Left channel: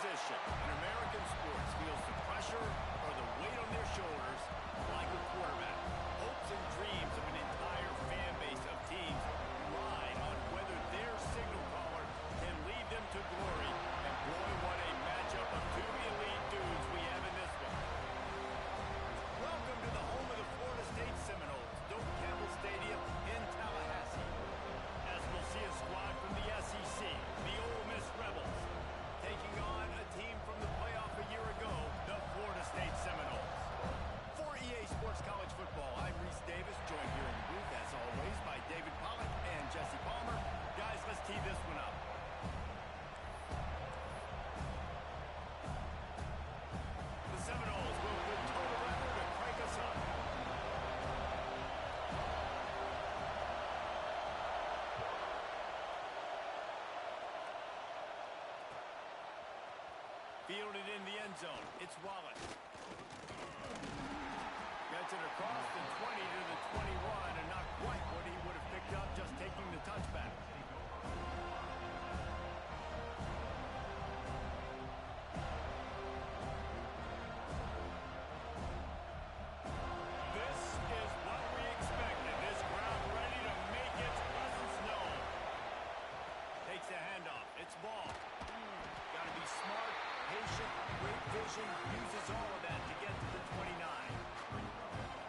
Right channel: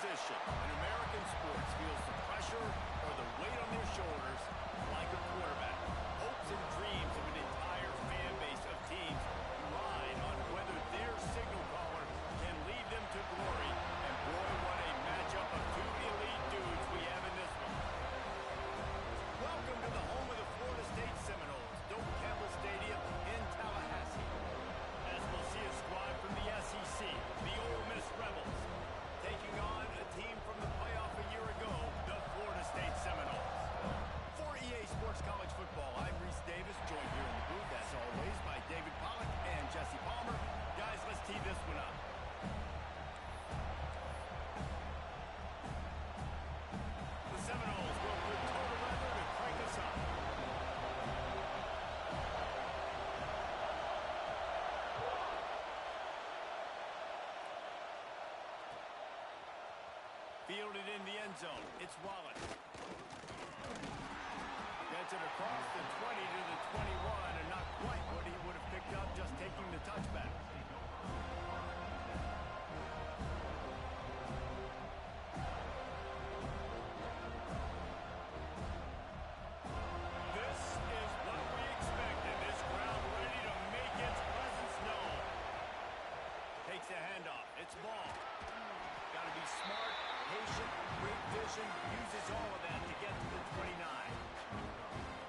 position in American sports feels the pressure or the weight on their shoulders like a quarterback. Hopes and dreams of an entire fan base of teams ride on whether their signal caller can lead them to glory. And boy, what a matchup of two elite dudes we have in this one. Welcome to the home of the Florida State Seminoles, Doak Campbell Stadium in Tallahassee. As we'll see a squad from the SEC, the Ole Miss Rebels, taking on a team from the playoff a year ago, the Florida State Seminoles. For EA Sports College Football, I'm Reese Davis, joined here in the booth, as always, by David Pollack and Jesse Palmer. Guys, let's tee this one up. The Seminoles will put total weather to crank us up. Fielded in the end zone. It's Wallace. Gets it across the 20 to the 21, and not quite what he would have picked up just taking the touchback. This is what we expected. This crowd ready to make its presence known. Takes the handoff. It's ball. Got to be smart, patient, great vision, uses all of that to get to the 29.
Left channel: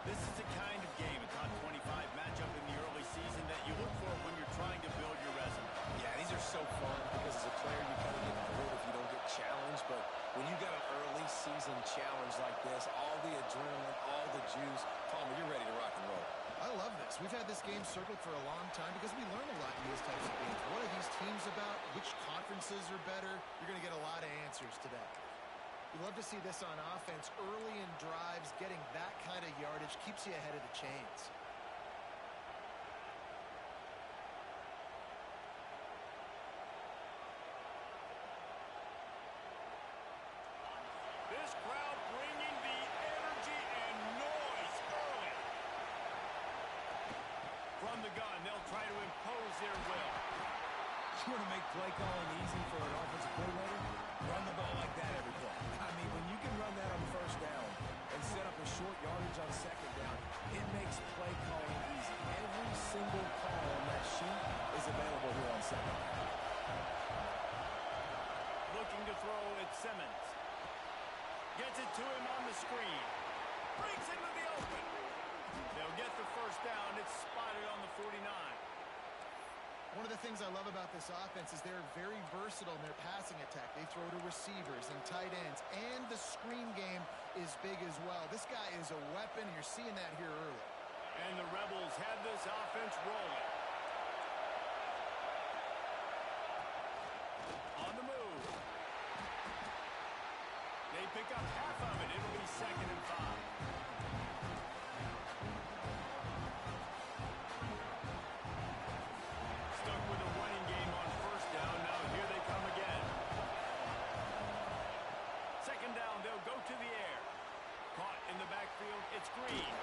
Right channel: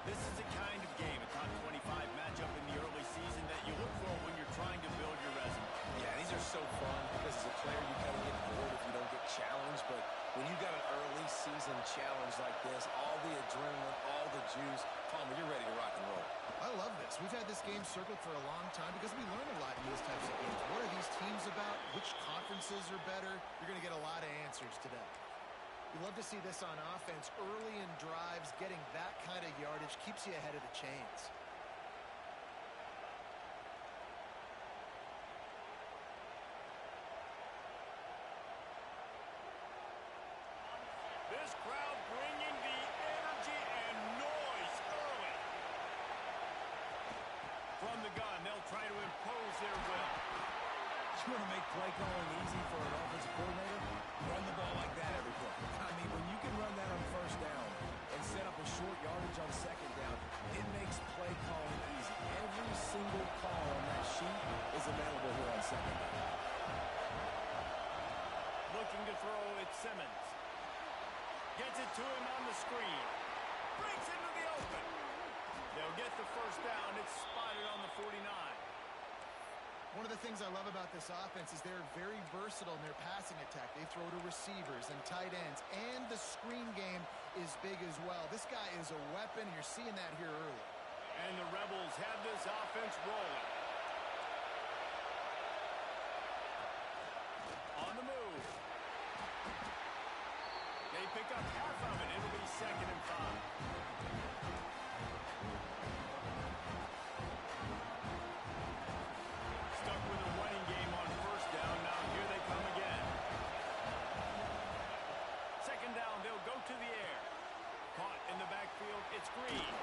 This is the kind of game, a top 25 matchup in the early season that you look for when you're trying to build your resume. Yeah, these are so fun because as a player you kind of get bored if you don't get challenged, but when you got an early season challenge like this, all the adrenaline, all the juice, Palmer, you're ready to rock and roll. I love this. We've had this game circled for a long time because we learn a lot in these types of games. What are these teams about? Which conferences are better? You're going to get a lot of answers today. We love to see this on offense. Early in drives, getting that kind of yardage keeps you ahead of the chains. This crowd bringing the energy and noise early. From the gun, they'll try to impose their will. You want to make play calling easy for an offensive coordinator? Run the ball like that every play. I mean, when you can run that on first down and set up a short yardage on second down, it makes play calling easy. Every single call on that sheet is available here on second down. Looking to throw, it's Simmons. Gets it to him on the screen. Breaks into the open. They'll get the first down. It's spotted on the 49. One of the things I love about this offense is they're very versatile in their passing attack. They throw to receivers and tight ends, and the screen game is big as well. This guy is a weapon, and you're seeing that here early. And the Rebels have this offense rolling. On the move. They pick up half of it. It'll be 2nd and 5. Stuck with a running game on first down. Now here they come again. 2nd down, they'll go to the air. Caught in the backfield, it's Green.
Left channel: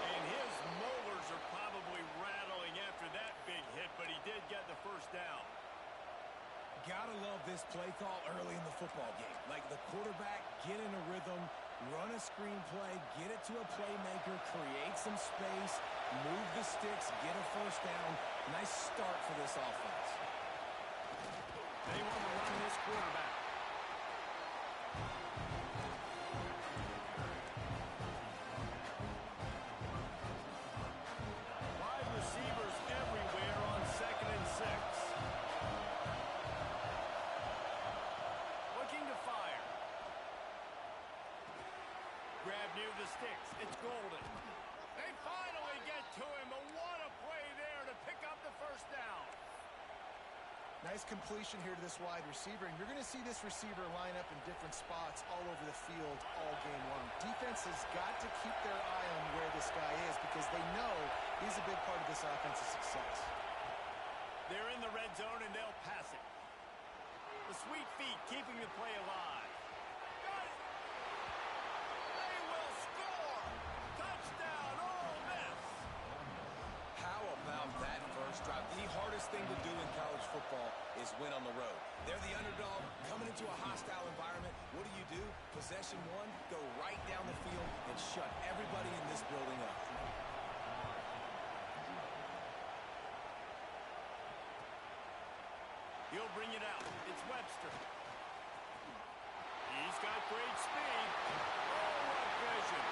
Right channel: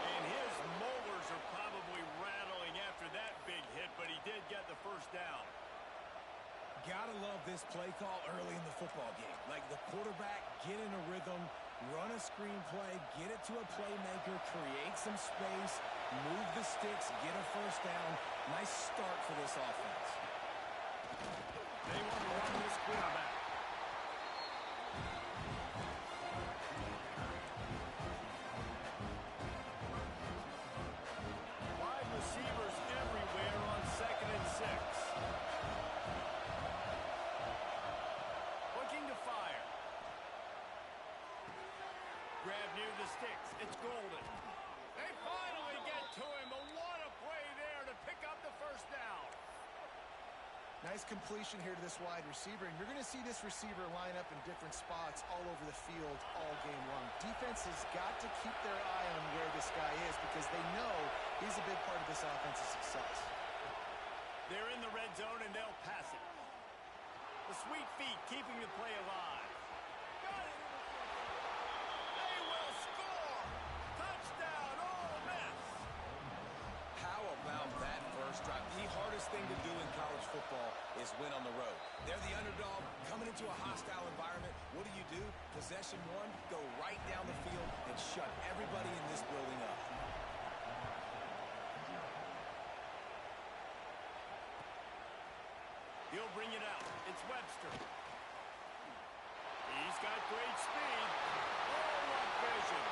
And his molars are probably rattling after that big hit, but he did get the first down. Gotta love this play call early in the football game. Like the quarterback, get in a rhythm, run a screen play, get it to a playmaker, create some space, move the sticks, get a first down. Nice start for this offense. They want to run this quarterback. Wide receivers everywhere on 2nd and 6. Looking to fire. Grab near the sticks. It's Golden. They finally get to him. But what a play there to pick up the first down. Nice completion here to this wide receiver, and you're going to see this receiver line up in different spots all over the field all game long. Defense has got to keep their eye on where this guy is because they know he's a big part of this offense's success. They're in the red zone, and they'll pass it. The sweet feet keeping the play alive. Got it. They will score. Touchdown, Ole Miss. How about that first drive? The hardest hardest thing to do in college football is win on the road. They're the underdog coming into a hostile environment. What do? Possession one, go right down the field and shut everybody in this building up. He'll bring it out. It's Webster. He's got great speed. Oh, what vision.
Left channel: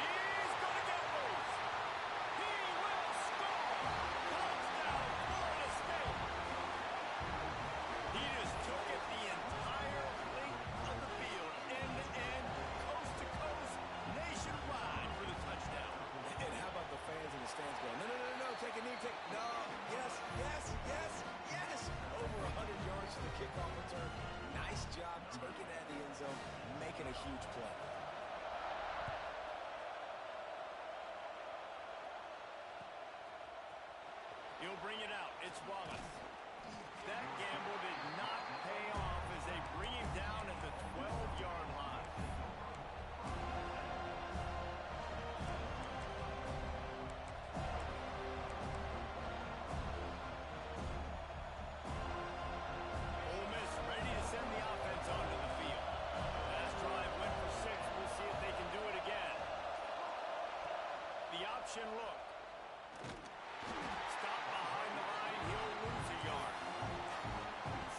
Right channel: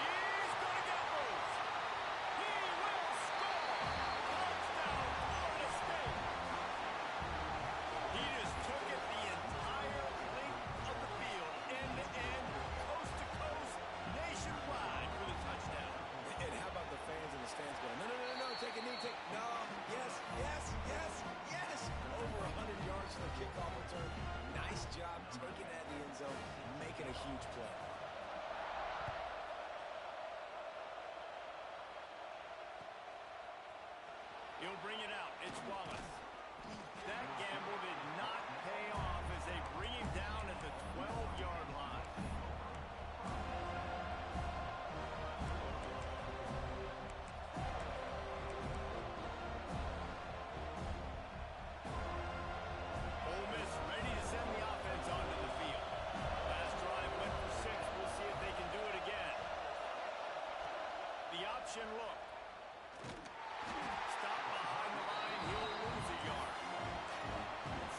He's going to get loose. He will score. Touchdown, Florida State. He just took it the entire length of the field, end-to-end, coast-to-coast, nationwide for the touchdown. And how about the fans in the stands going, no, take a knee, no, yes. Over 100 yards to the kickoff return. Nice job taking that in the end zone, making a huge play. He'll bring it out. It's Wallace. That gamble did not pay off as they bring him down at the 12-yard line. Ole Miss ready to send the offense onto the field. Last drive went for 6. We'll see if they can do it again. The option look. Stop behind the line. He'll lose a yard.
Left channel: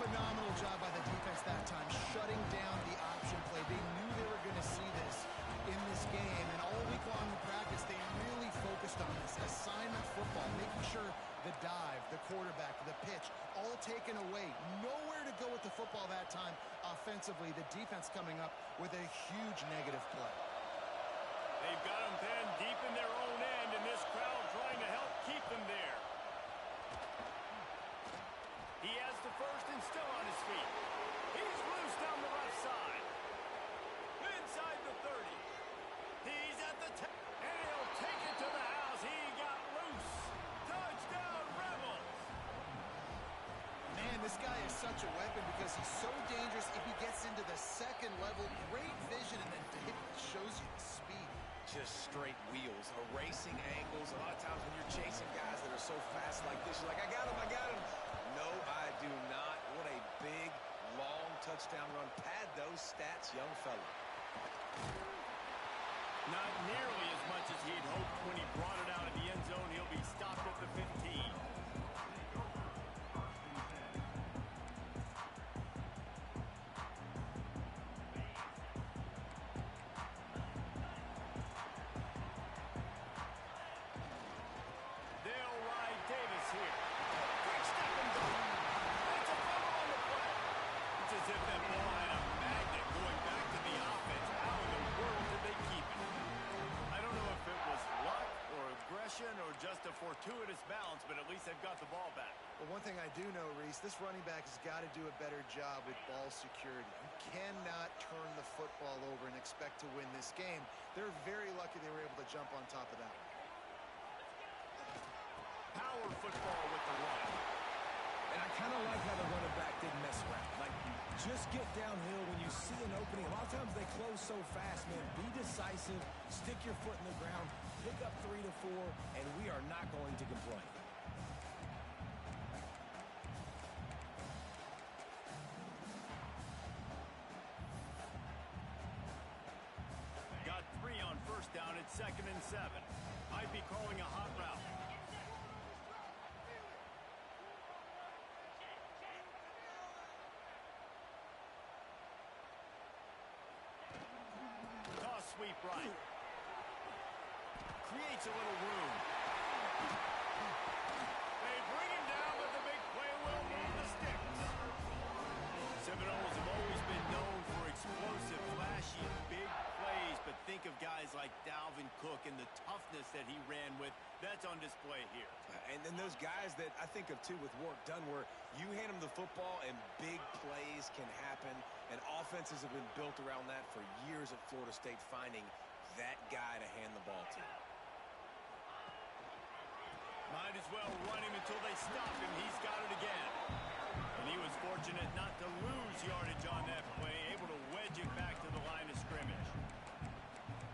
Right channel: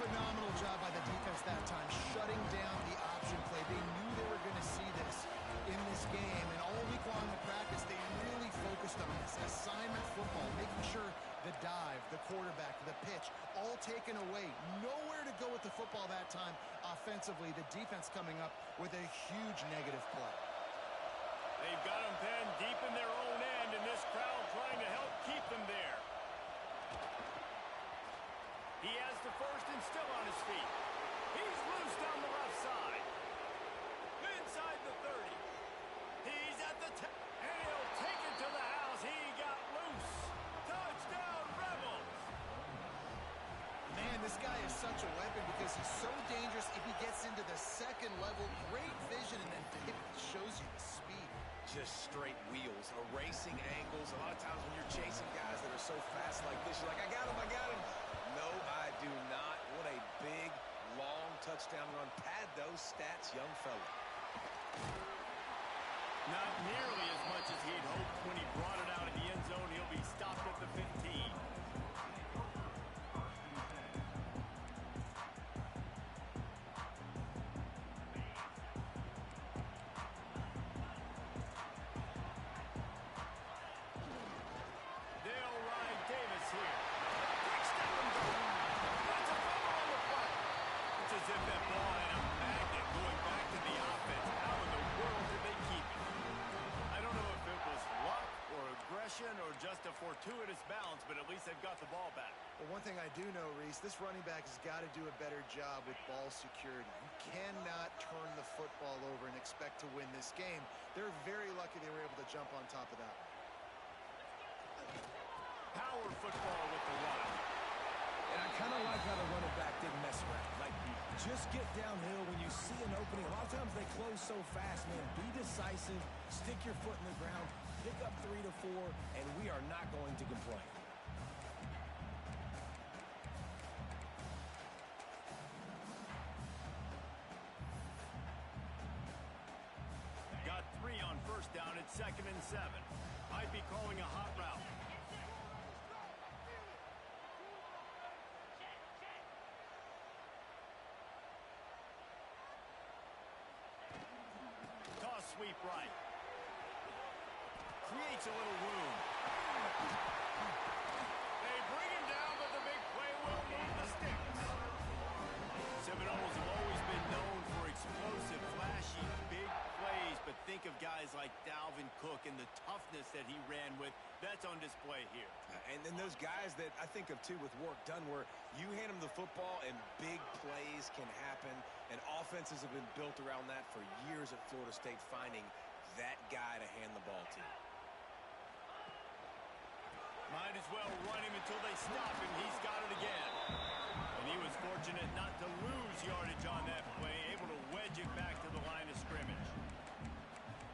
Phenomenal job by the defense that time, shutting down the option play. They knew they were going to see this in this game, and all week long in practice, they really focused on this. Assignment football, making sure the dive, the quarterback, the pitch, all taken away. Nowhere to go with the football that time offensively. The defense coming up with a huge negative play. They've got them pinned deep in their own end, and this crowd trying to help keep them there. He has the first and still on his feet. He's loose down the left side. Inside the 30. He's at the 10. And he'll take it to the house. He got loose. Touchdown, Rebels. Man, this guy is such a weapon because he's so dangerous if he gets into the second level. Great vision, and then it shows you the speed. Just straight wheels, erasing angles. A lot of times when you're chasing guys that are so fast like this, you're like, I got him. No, I do not. What a big, long touchdown run. Pad those stats, young fella. Not nearly as much as he'd hoped when he brought it out of the end zone. He'll be stopped at the 15. They'll ride Davis here. Quick step and go. That's a fumble on the play. It's as if that ball had a magnet going back to the offense. How in the world did they keep it? I don't know if it was luck or aggression or just a fortuitous bounce, but at least they've got the ball back. Well, one thing I do know, Reese, this running back has got to do a better job with ball security. You cannot turn the football over and expect to win this game. They're very lucky they were able to jump on top of that one. Power football with the run. And I kind of like how the running back didn't mess around. Like, just get downhill when you see an opening. A lot of times they close so fast, man. Be decisive, stick your foot in the ground, pick up 3 to 4, and we are not going to complain. Got 3 on first down. It's 2nd and 7. Might be calling a hot route. Sweep right. Creates a little room. They bring him down, but the big play will move the sticks. Seminoles have always been known for explosive, flashy, big plays, but think of guys like Dalvin Cook and the toughness that he ran with. That's on display here. And then those guys that I think of, too, with work done, where you hand them the football and big plays can happen. And offenses have been built around that for years at Florida State, finding that guy to hand the ball to. Might as well run him until they stop him. He's got it again. And he was fortunate not to lose yardage on that play, able to wedge it back to the line of scrimmage.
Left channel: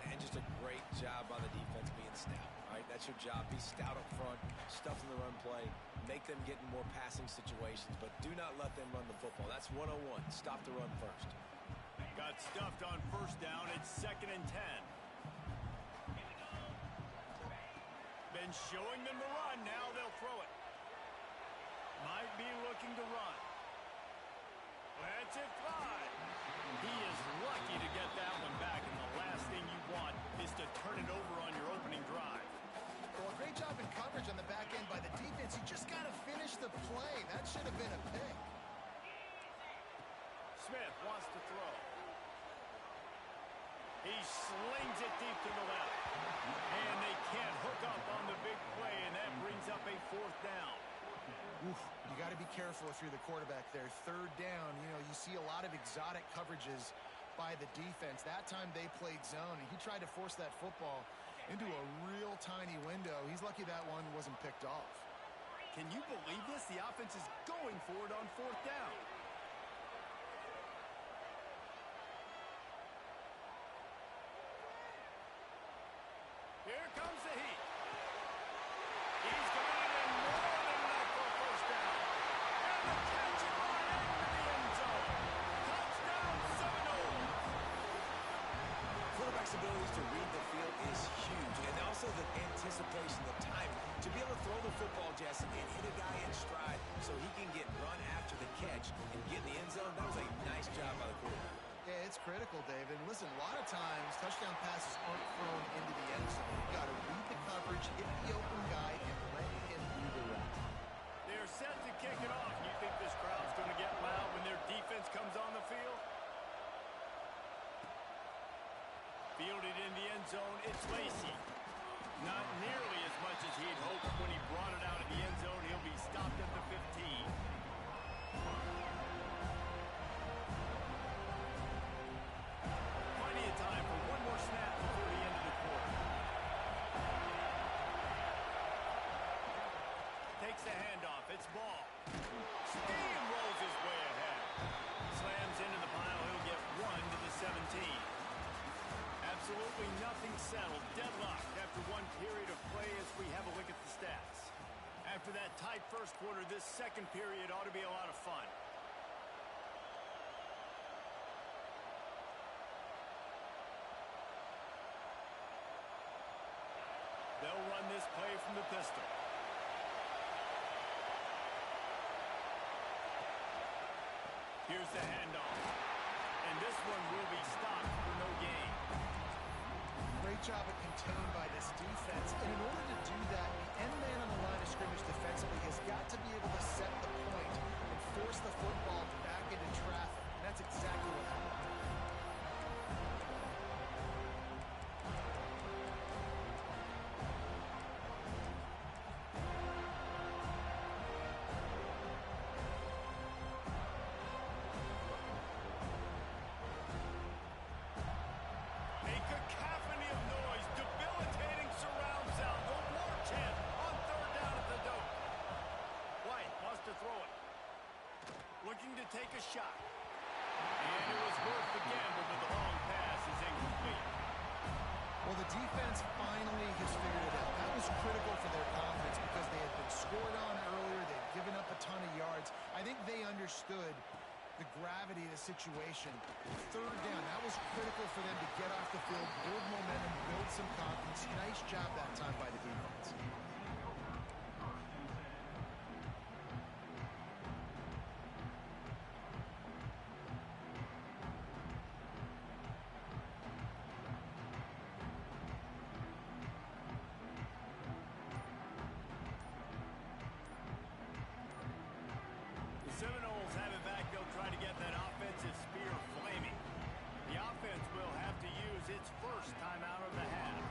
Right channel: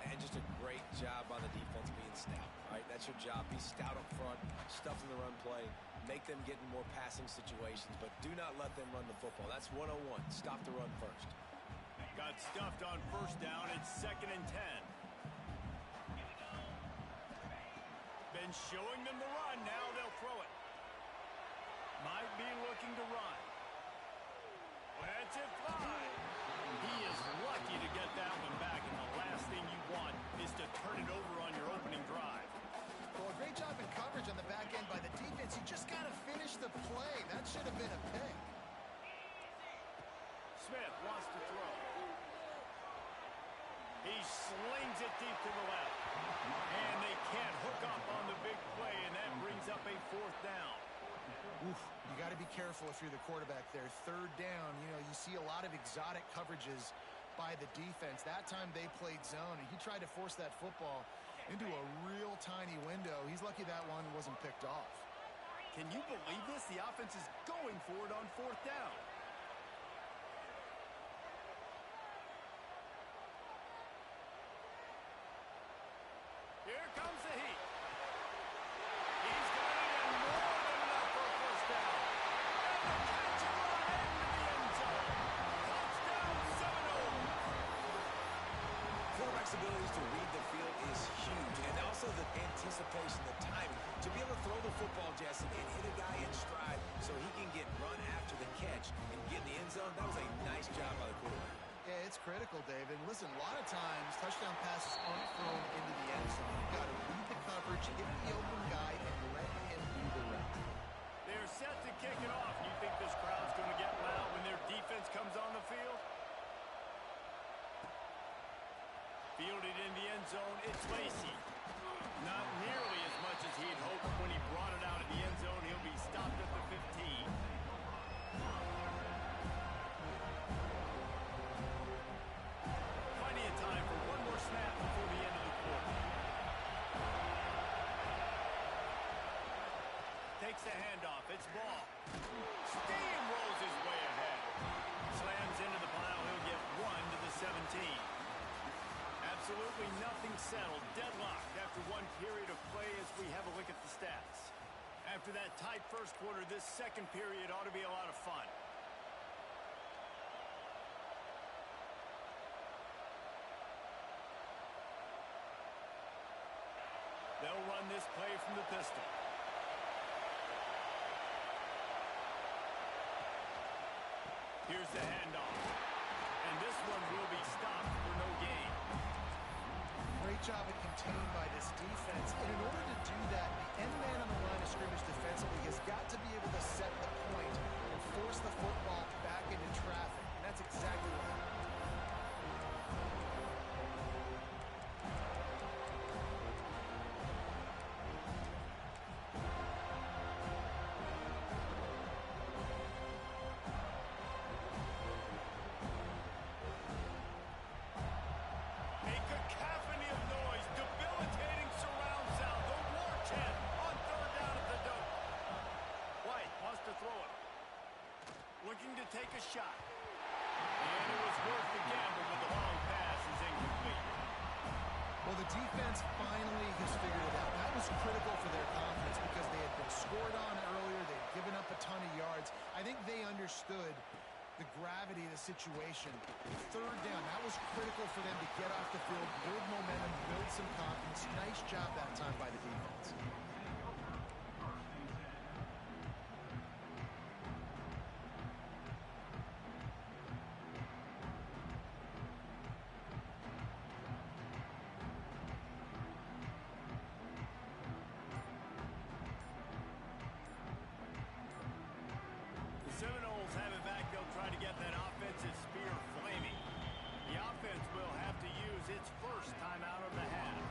And just a great job by the defense being stout. right? That's your job. Be stout up front, stuff in the run play, make them get in more passing situations, but do not let them run the football. That's 101. Stop the run first. Got stuffed on first down. It's 2nd and 10. Been showing them the run. Now they'll throw it. Might be looking to run. Lets it fly. He is lucky to get that one back, and the last thing you want is to turn it over on your opening drive. Well, a great job in coverage on the back end by the defense. You just got to finish the play. That should have been a pick. Smith wants to throw. He slings it deep to the left. And they can't hook up on the big play, and that brings up a 4th down. Oof, you got to be careful if you're the quarterback there. 3rd down, you see a lot of exotic coverages by the defense. That time they played zone, and he tried to force that football into a real tiny window. He's lucky that one wasn't picked off. Can you believe this? The offense is going for it on 4th down. Here comes the heat. He's got it in more than enough for a 1st down. And the catch and run into the end zone. Touchdown, Seminoles. Quarterback's abilities to read the field is huge, and also the anticipation, the timing. To be able to throw the football, Jesse, and hit a guy in stride so he can get run after the catch and get in the end zone, that was a nice job by the quarterback. Yeah, it's critical, David. Listen, a lot of times touchdown passes aren't thrown into the end zone. You've got to read the coverage, hit the open guy, and let him do the rest. They're set to kick it off. You think this crowd's going to get loud when their defense comes on the field? Fielded in the end zone, it's Lacey. Not nearly as much as he'd hoped when he brought it out of the end zone. He'll be stopped at the 15. Plenty of time for one more snap before the end of the quarter. Takes the handoff. It's ball. Steamrolls his way ahead. Slams into the pile. He'll get 1 to the 17. Absolutely nothing settled. Deadlocked after one period of play as we have a look at the stats. After that tight first quarter, this second period ought to be a lot of fun. They'll run this play from the pistol. Here's the handoff. And this one will be stopped for no gain. Great job at contained by this defense. And in order to do that, the end man on the line of scrimmage defensively has got to be able to set the point and force the football back into traffic. And that's exactly what happened. Looking to take a shot. And it was worth the gamble, but the long pass is incomplete. Well, the defense finally has figured it out. That was critical for their confidence because they had been scored on earlier. They'd given up a ton of yards. I think they understood the gravity of the situation. 3rd down, that was critical for them to get off the field, build momentum, build some confidence. Nice job that time by the defense. Seminoles have it back. They'll try to get that offensive spear flaming. The offense will have to use its first timeout of the half.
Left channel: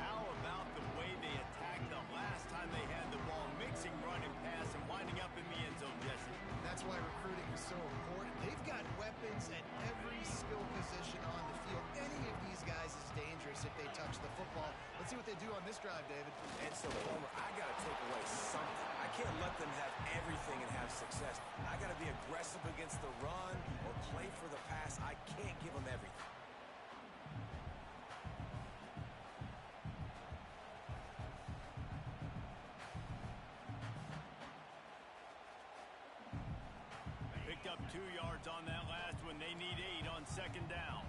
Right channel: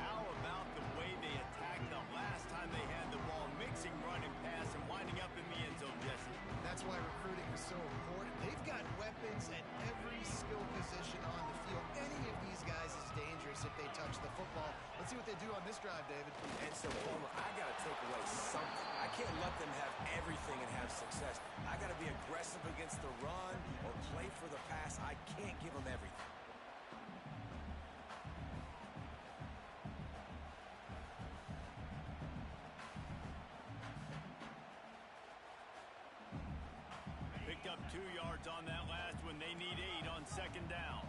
How about the way they attacked the last time they had the ball, mixing run and pass and winding up in the end zone, Jesse? That's why recruiting is so important. They've got weapons at every skill position on the field. Any of these guys is dangerous if they touch the football. Let's see what they do on this drive, David. And so, Palmer, I got to take away something. I can't let them have everything and have success. I got to be aggressive against the run or play for the pass. I can't give them everything. up 2 yards on that last one. They need 8 on second down.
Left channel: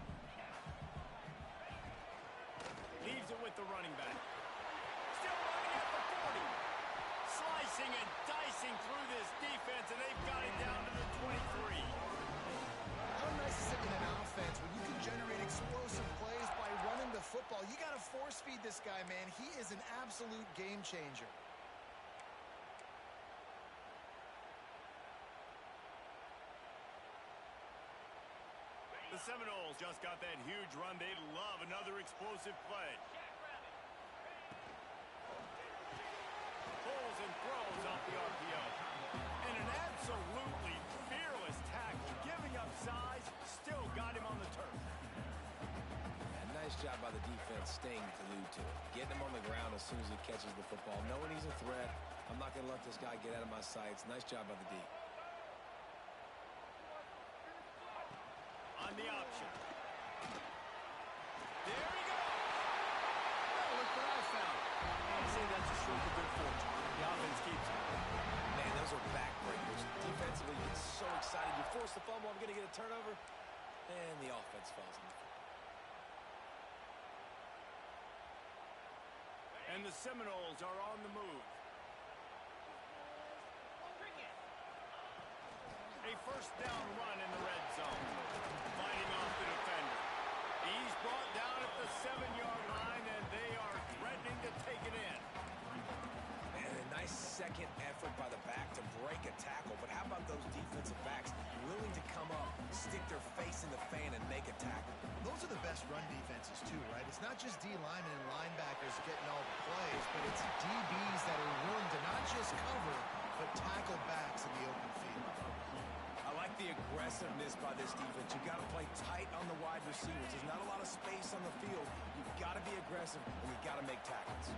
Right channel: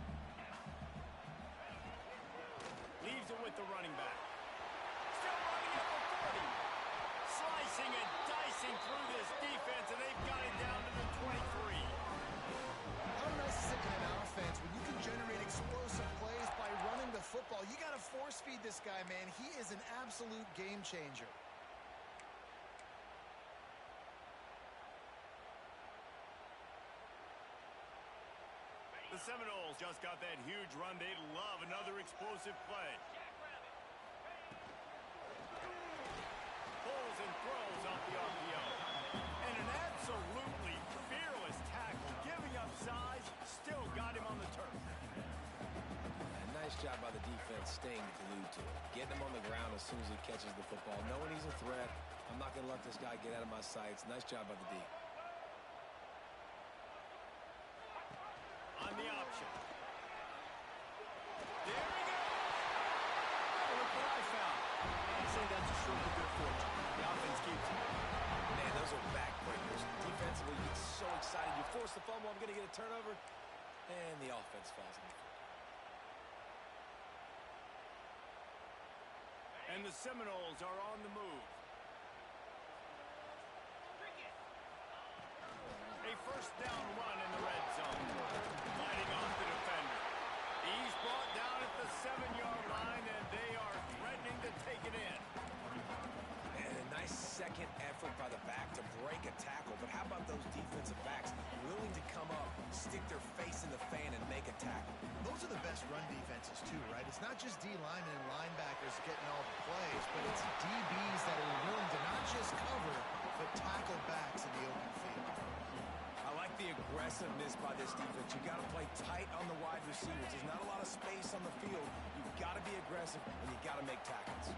Leaves it with the running back. Still running at the 40. Slicing and dicing through this defense, and they've got it down to the 23. How nice is it in an offense when you can generate explosive plays by running the football? You got to force feed this guy, man. He is an absolute game changer. The Seminoles just got that huge run. They love another explosive play. Pulls and throws off the RPO. And an absolutely fearless tackle. Giving up size, still got him on the turf. And nice job by the defense staying glued to it. Getting him on the ground as soon as he catches the football. Knowing he's a threat. I'm not going to let this guy get out of my sights. Nice job by the D. On the option. There he goes. Well, look what I found. I'd say that's a stroke of good fortune. The offense keeps it. Man, those are backbreakers. Defensively, you get so excited. You force the fumble. I'm going to get a turnover. And the offense falls on the football. And the Seminoles are on the move. A first down run in the red zone. Fighting off the defender. He's brought down at the 7-yard line, and they are threatening to take it in. Man, a nice second effort by the back to break a tackle. But how about those defensive backs willing to come up, stick their face in the fan, and make a tackle? Those are the best run defenses, too, right? It's not just D linemen and linebackers getting all the plays, but it's DBs that are willing to not just cover, but tackle backs in the open field. I like the aggressiveness by this defense. You've got to play tight on the wide receivers. There's not a lot of space on the field. You've got to be aggressive, and you've got to make tackles.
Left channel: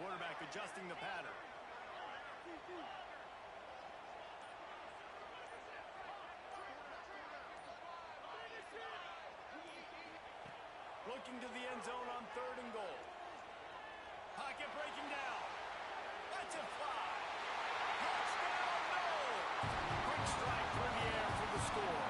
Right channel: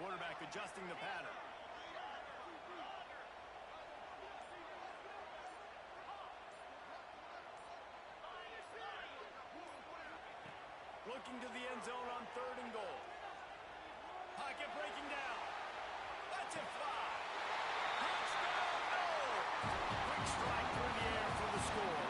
Quarterback adjusting the pattern. Looking to the end zone on 3rd and goal. Pocket breaking down. Lets it fly. Touchdown, no! Quick strike through the air for the score.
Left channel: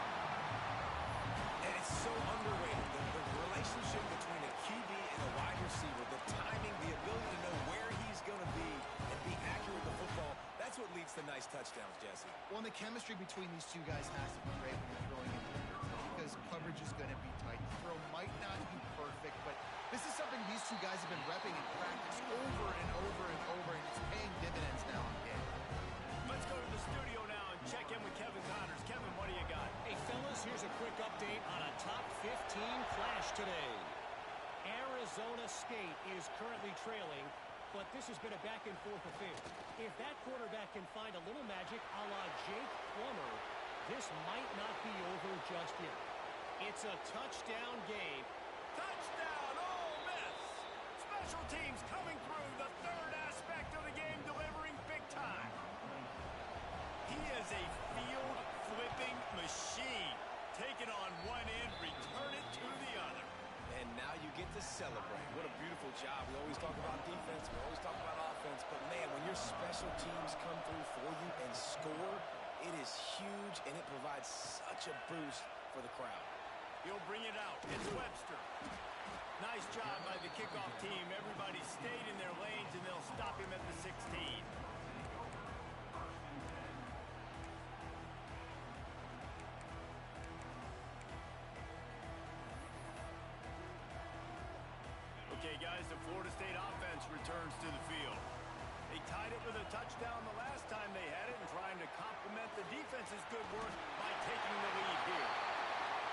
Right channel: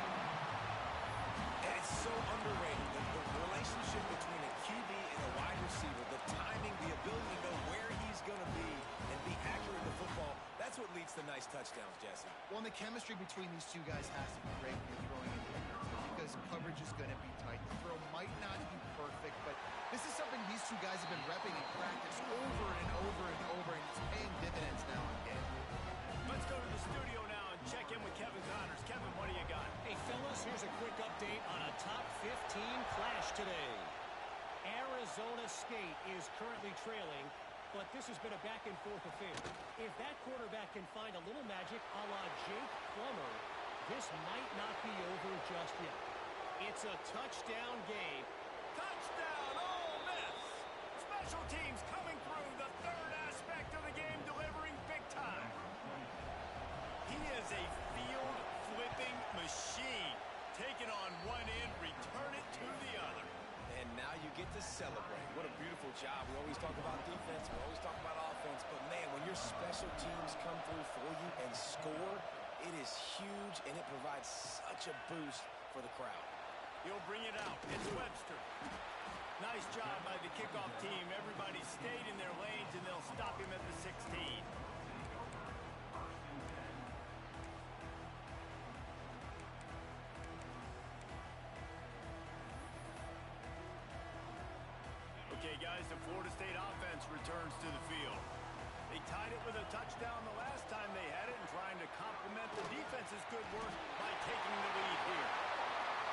And it's so underrated. The relationship between a QB and a wide receiver, the timing, the ability to know where he's going to be and be accurate with the football, that's what leads to nice touchdowns, Jesse. Well, and the chemistry between these two guys has to be great when you're throwing in the air, because coverage is going to be tight. The throw might not be perfect, but this is something these two guys have been repping in practice over and over and over, and it's paying dividends now in game. Let's go to the studio now and check in with Kevin Connors. Kevin, what do you got? Hey, fellas, here's a quick update on a top 15 clash today. Arizona State is currently trailing, but this has been a back-and-forth affair. If that quarterback can find a little magic a la Jake Plummer, this might not be over just yet. It's a touchdown game. Touchdown, Ole Miss! Special teams coming through, the third aspect of the game, delivering big time. He is a field-flipping machine. Take it on one end, return it to the other. And now you get to celebrate. What a beautiful job. We always talk about defense. We always talk about offense. But, man, when your special teams come through for you and score, it is huge, and it provides such a boost for the crowd. He'll bring it out. It's Webster. Nice job by the kickoff team. Everybody stayed in their lanes, and they'll stop him at the 16. Okay, guys, the Florida State offense returns to the field. They tied it with a touchdown the last time they had it and trying to complement the defense's good work by taking the lead here.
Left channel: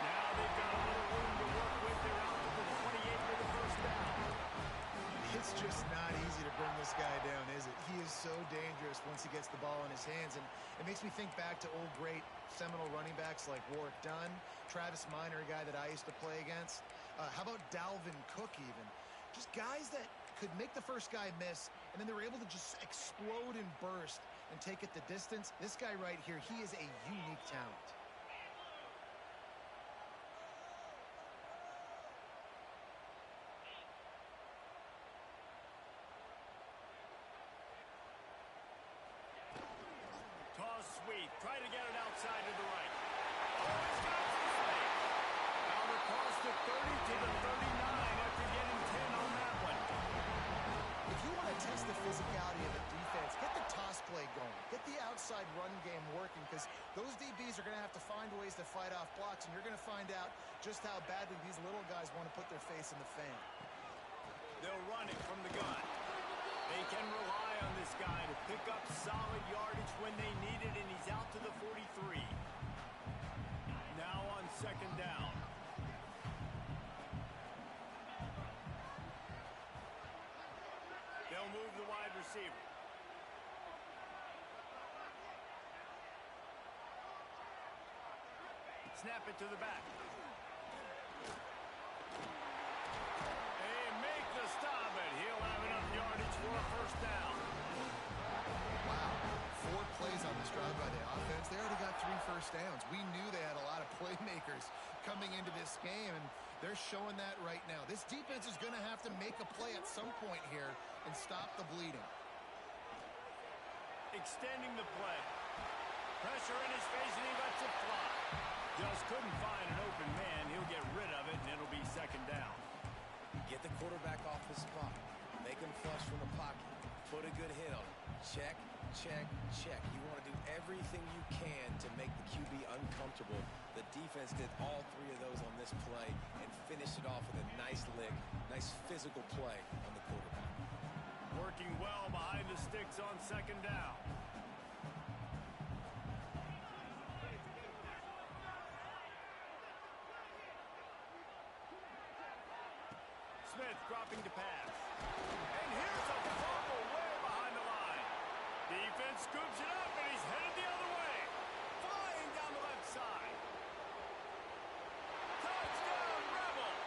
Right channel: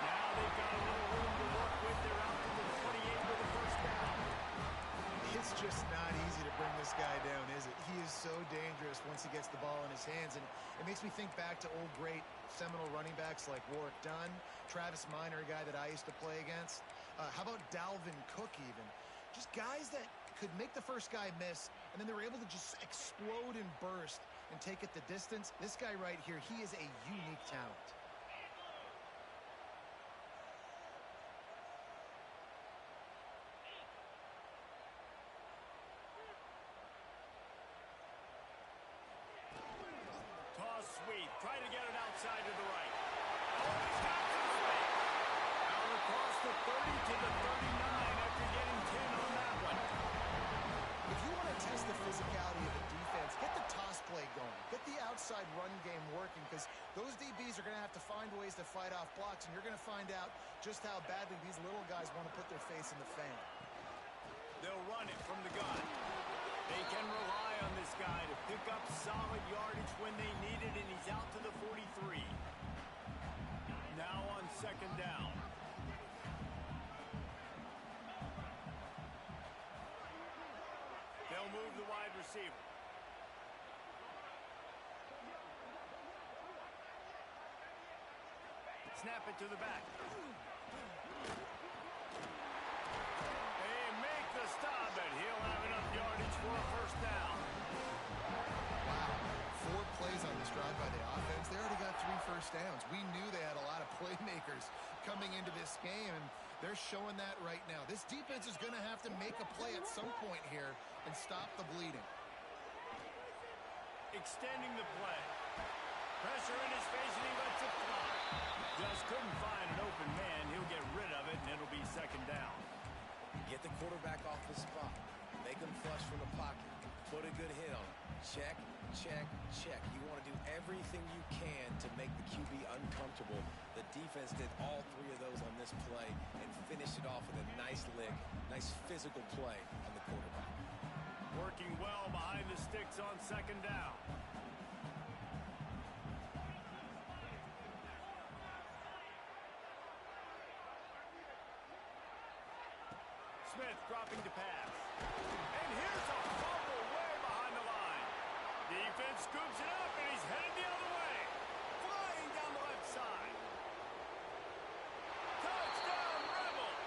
Now they've got a little room to work with. They're out to the 28 with the first down. It's just not easy to bring this guy down, is it? He is so dangerous once he gets the ball in his hands, and it makes me think back to old great Seminole running backs like Warwick Dunn, Travis Minor, a guy that I used to play against. How about Dalvin Cook even? Just guys that could make the first guy miss, and then they were able to just explode and burst and take it the distance. This guy right here, he is a unique talent. try to get it outside to the right. Oh, he's got some space. Out across the 30 to the 39 after getting 10 on that one. If you want to test the physicality of a defense, get the toss play going. Get the outside run game working, because those DBs are going to have to find ways to fight off blocks, and you're going to find out just how badly these little guys want to put their face in the fan. They'll run it from the gun. They can rely on this guy to pick up solid yardage when they need it, and he's out to the 43. Now on second down. They'll move the wide receiver. Snap it to the back. They make the stop, but he'll have enough yardage for a first down. Wow. 4 plays on this drive by the offense. They already got 3 first downs. We knew they had a lot of playmakers coming into this game, and they're showing that right now. This defense is going to have to make a play at some point here and stop the bleeding. Extending the play. Pressure in his face, and he lets it fly. Just couldn't find an open man. He'll get rid of it, and it'll be second down. Get the quarterback off the spot. Make him flush from the pocket. Put a good hit on him. Check, check, check. You want to do everything you can to make the QB uncomfortable. The defense did all 3 of those on this play and finished it off with a nice lick, nice physical play on the quarterback. Working well behind the sticks on second down. Smith dropping to pass. And here's a fumble way behind the line. Defense scoops it up, and he's headed the other way. Flying down the left side. Touchdown, Rebels.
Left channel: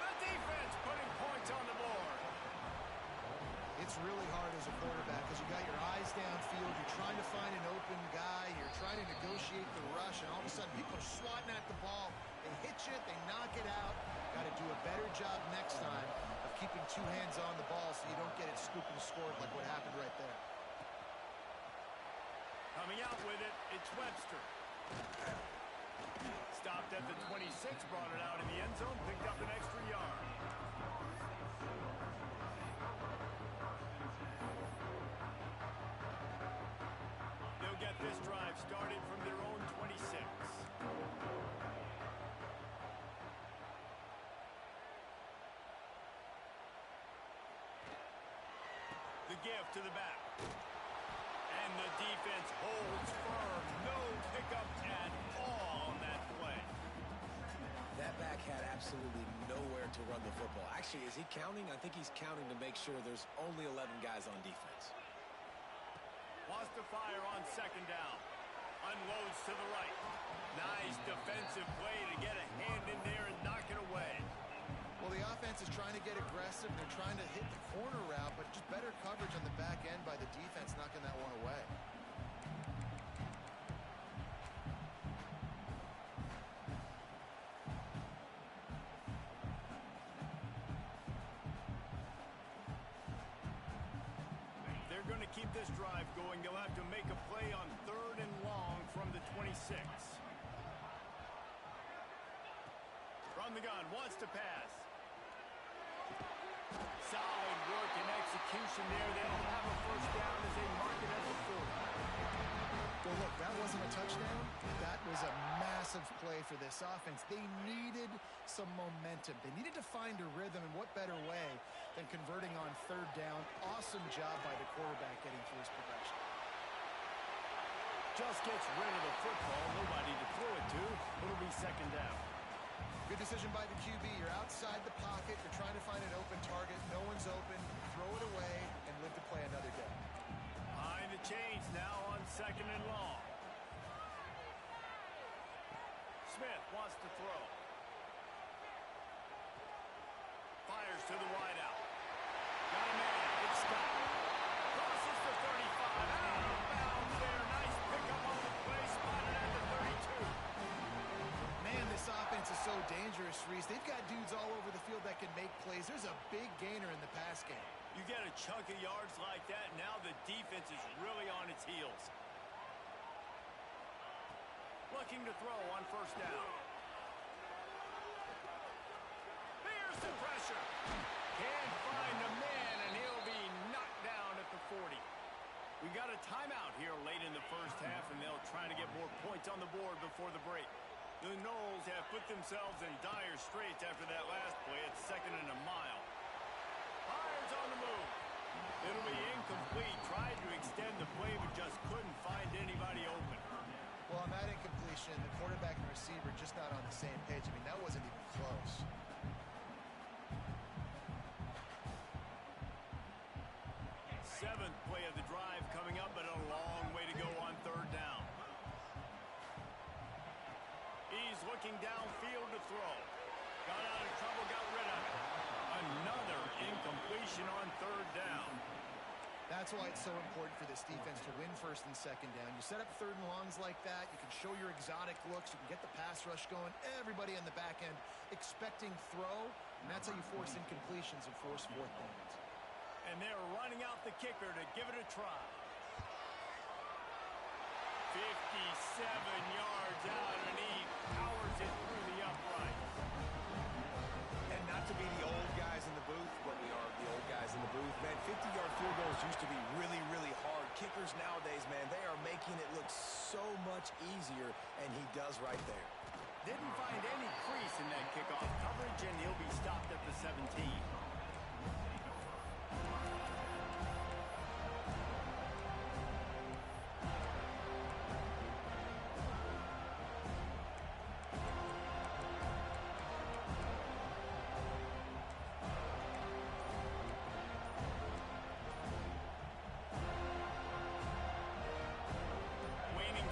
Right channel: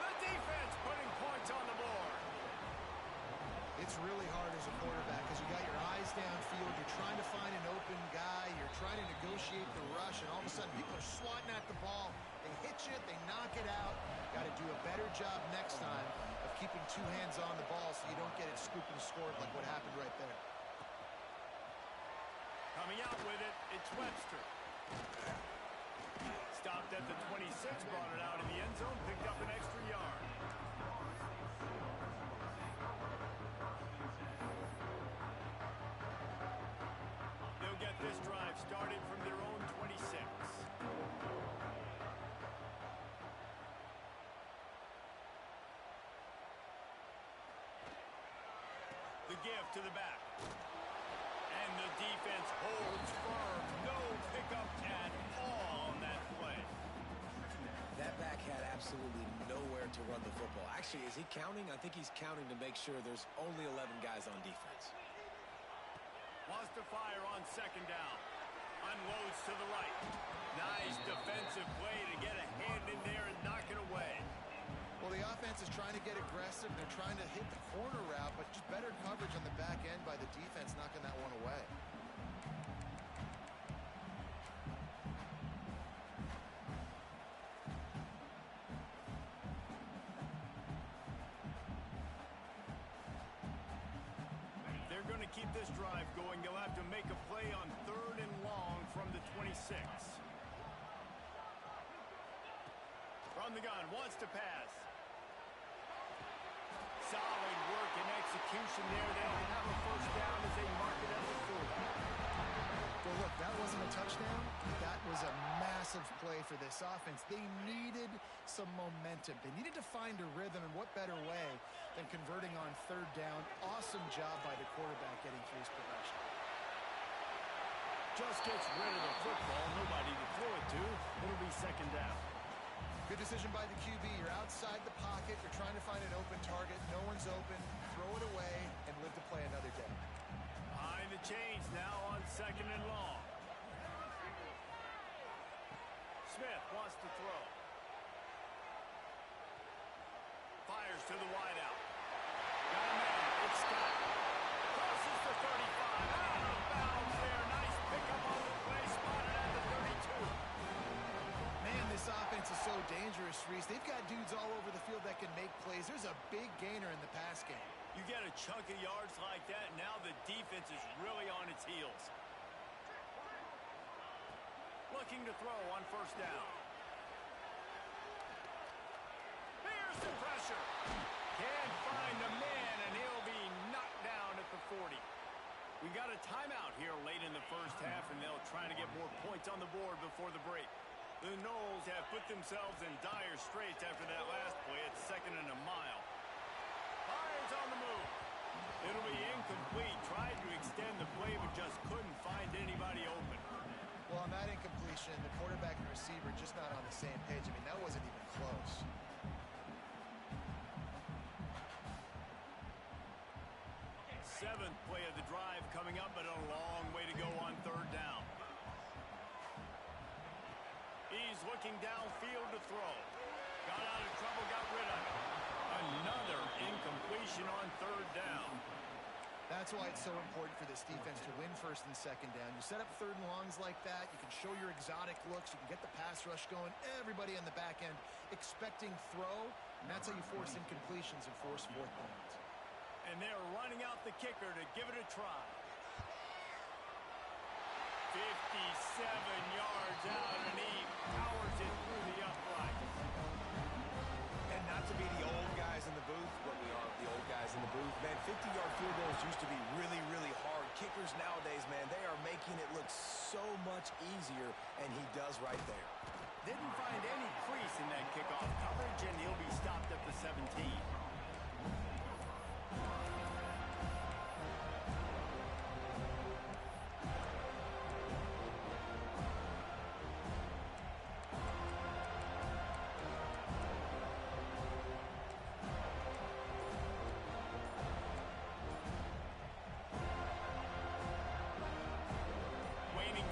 The defense putting points on the board. It's really hard as a quarterback because you got your eyes downfield. You're trying to find an open guy. You're trying to negotiate the rush, and all of a sudden people are swatting at the ball. They hit you. They knock it out. Got to do a better job next time of keeping 2 hands on the ball so you don't get it scooped and scored like what happened right there. Coming out with it, it's Webster. Stopped at the 26, brought it out in the end zone, picked up an extra yard. They'll get this drive started from their own 26. The give to the back. And the defense holds firm. No pickup at all on that play. That back had absolutely nowhere to run the football. Actually, is he counting? I think he's counting to make sure there's only 11 guys on defense. Wants to fire on second down. Unloads to the right. Nice defensive play to get a hand in there and knock it away. Well, the offense is trying to get aggressive. They're trying to hit the corner route, but just better coverage on the back end by the defense knocking that one away. They're going to keep this drive going. They'll have to make a play on 3rd and long from the 26. From the gun, wants to pass. Solid work and execution there. They'll have a first down as they mark it at the 40. Well, look, that wasn't a touchdown. That was a massive play for this offense. They needed some momentum. They needed to find a rhythm, and what better way than converting on 3rd down. Awesome job by the quarterback getting through his progression. Just gets rid of the football. Nobody to throw it to. It'll be second down. Good decision by the QB. You're outside the pocket. You're trying to find an open target. No one's open. Throw it away and live to play another day. Behind the chains now on 2nd and long. Smith wants to throw. Fires to the wideout. Got a man. It's Scott. Crosses the 35. Out of bounds there. Nice pickup on the play. Spotted at the 32. Man, this offense is so dangerous, Reese. They've got dudes all over the field that can make plays. There's a big gainer in the pass game. You get a chunk of yards like that, now the defense is really on its heels. looking to throw on first down. Here's the pressure. Can't find a man, and he'll be knocked down at the 40. We've got a timeout here late in the first half, and they'll try to get more points on the board before the break. The Noles have put themselves in dire straits after that last play at 2nd and a mile. Fires on the move. It'll be incomplete. Tried to extend the play, but just couldn't find anybody open. Well, on that incompletion, the quarterback and receiver just not on the same page. I mean, that wasn't even close. Seventh play of the drive coming up, but a long way to go on third down. He's looking downfield to throw. Got out of trouble, got rid of it. Another incompletion on third down. That's why it's so important for this defense to win first and second down. You set up third and longs like that. You can show your exotic looks. You can get the pass rush going. Everybody on the back end expecting throw, and that's how you force incompletions and force fourth downs. And they're running out the kicker to give it a try. 57 yards out, and he powers it through the uprights. And not to be the old guys in the booth, but we are the old guys in the booth. Man, 50-yard field goals used to be really, really hard. Kickers nowadays, man, they are making it look so much easier, and he does right there. Didn't find any crease in that kickoff coverage, and he'll be stopped at the 17.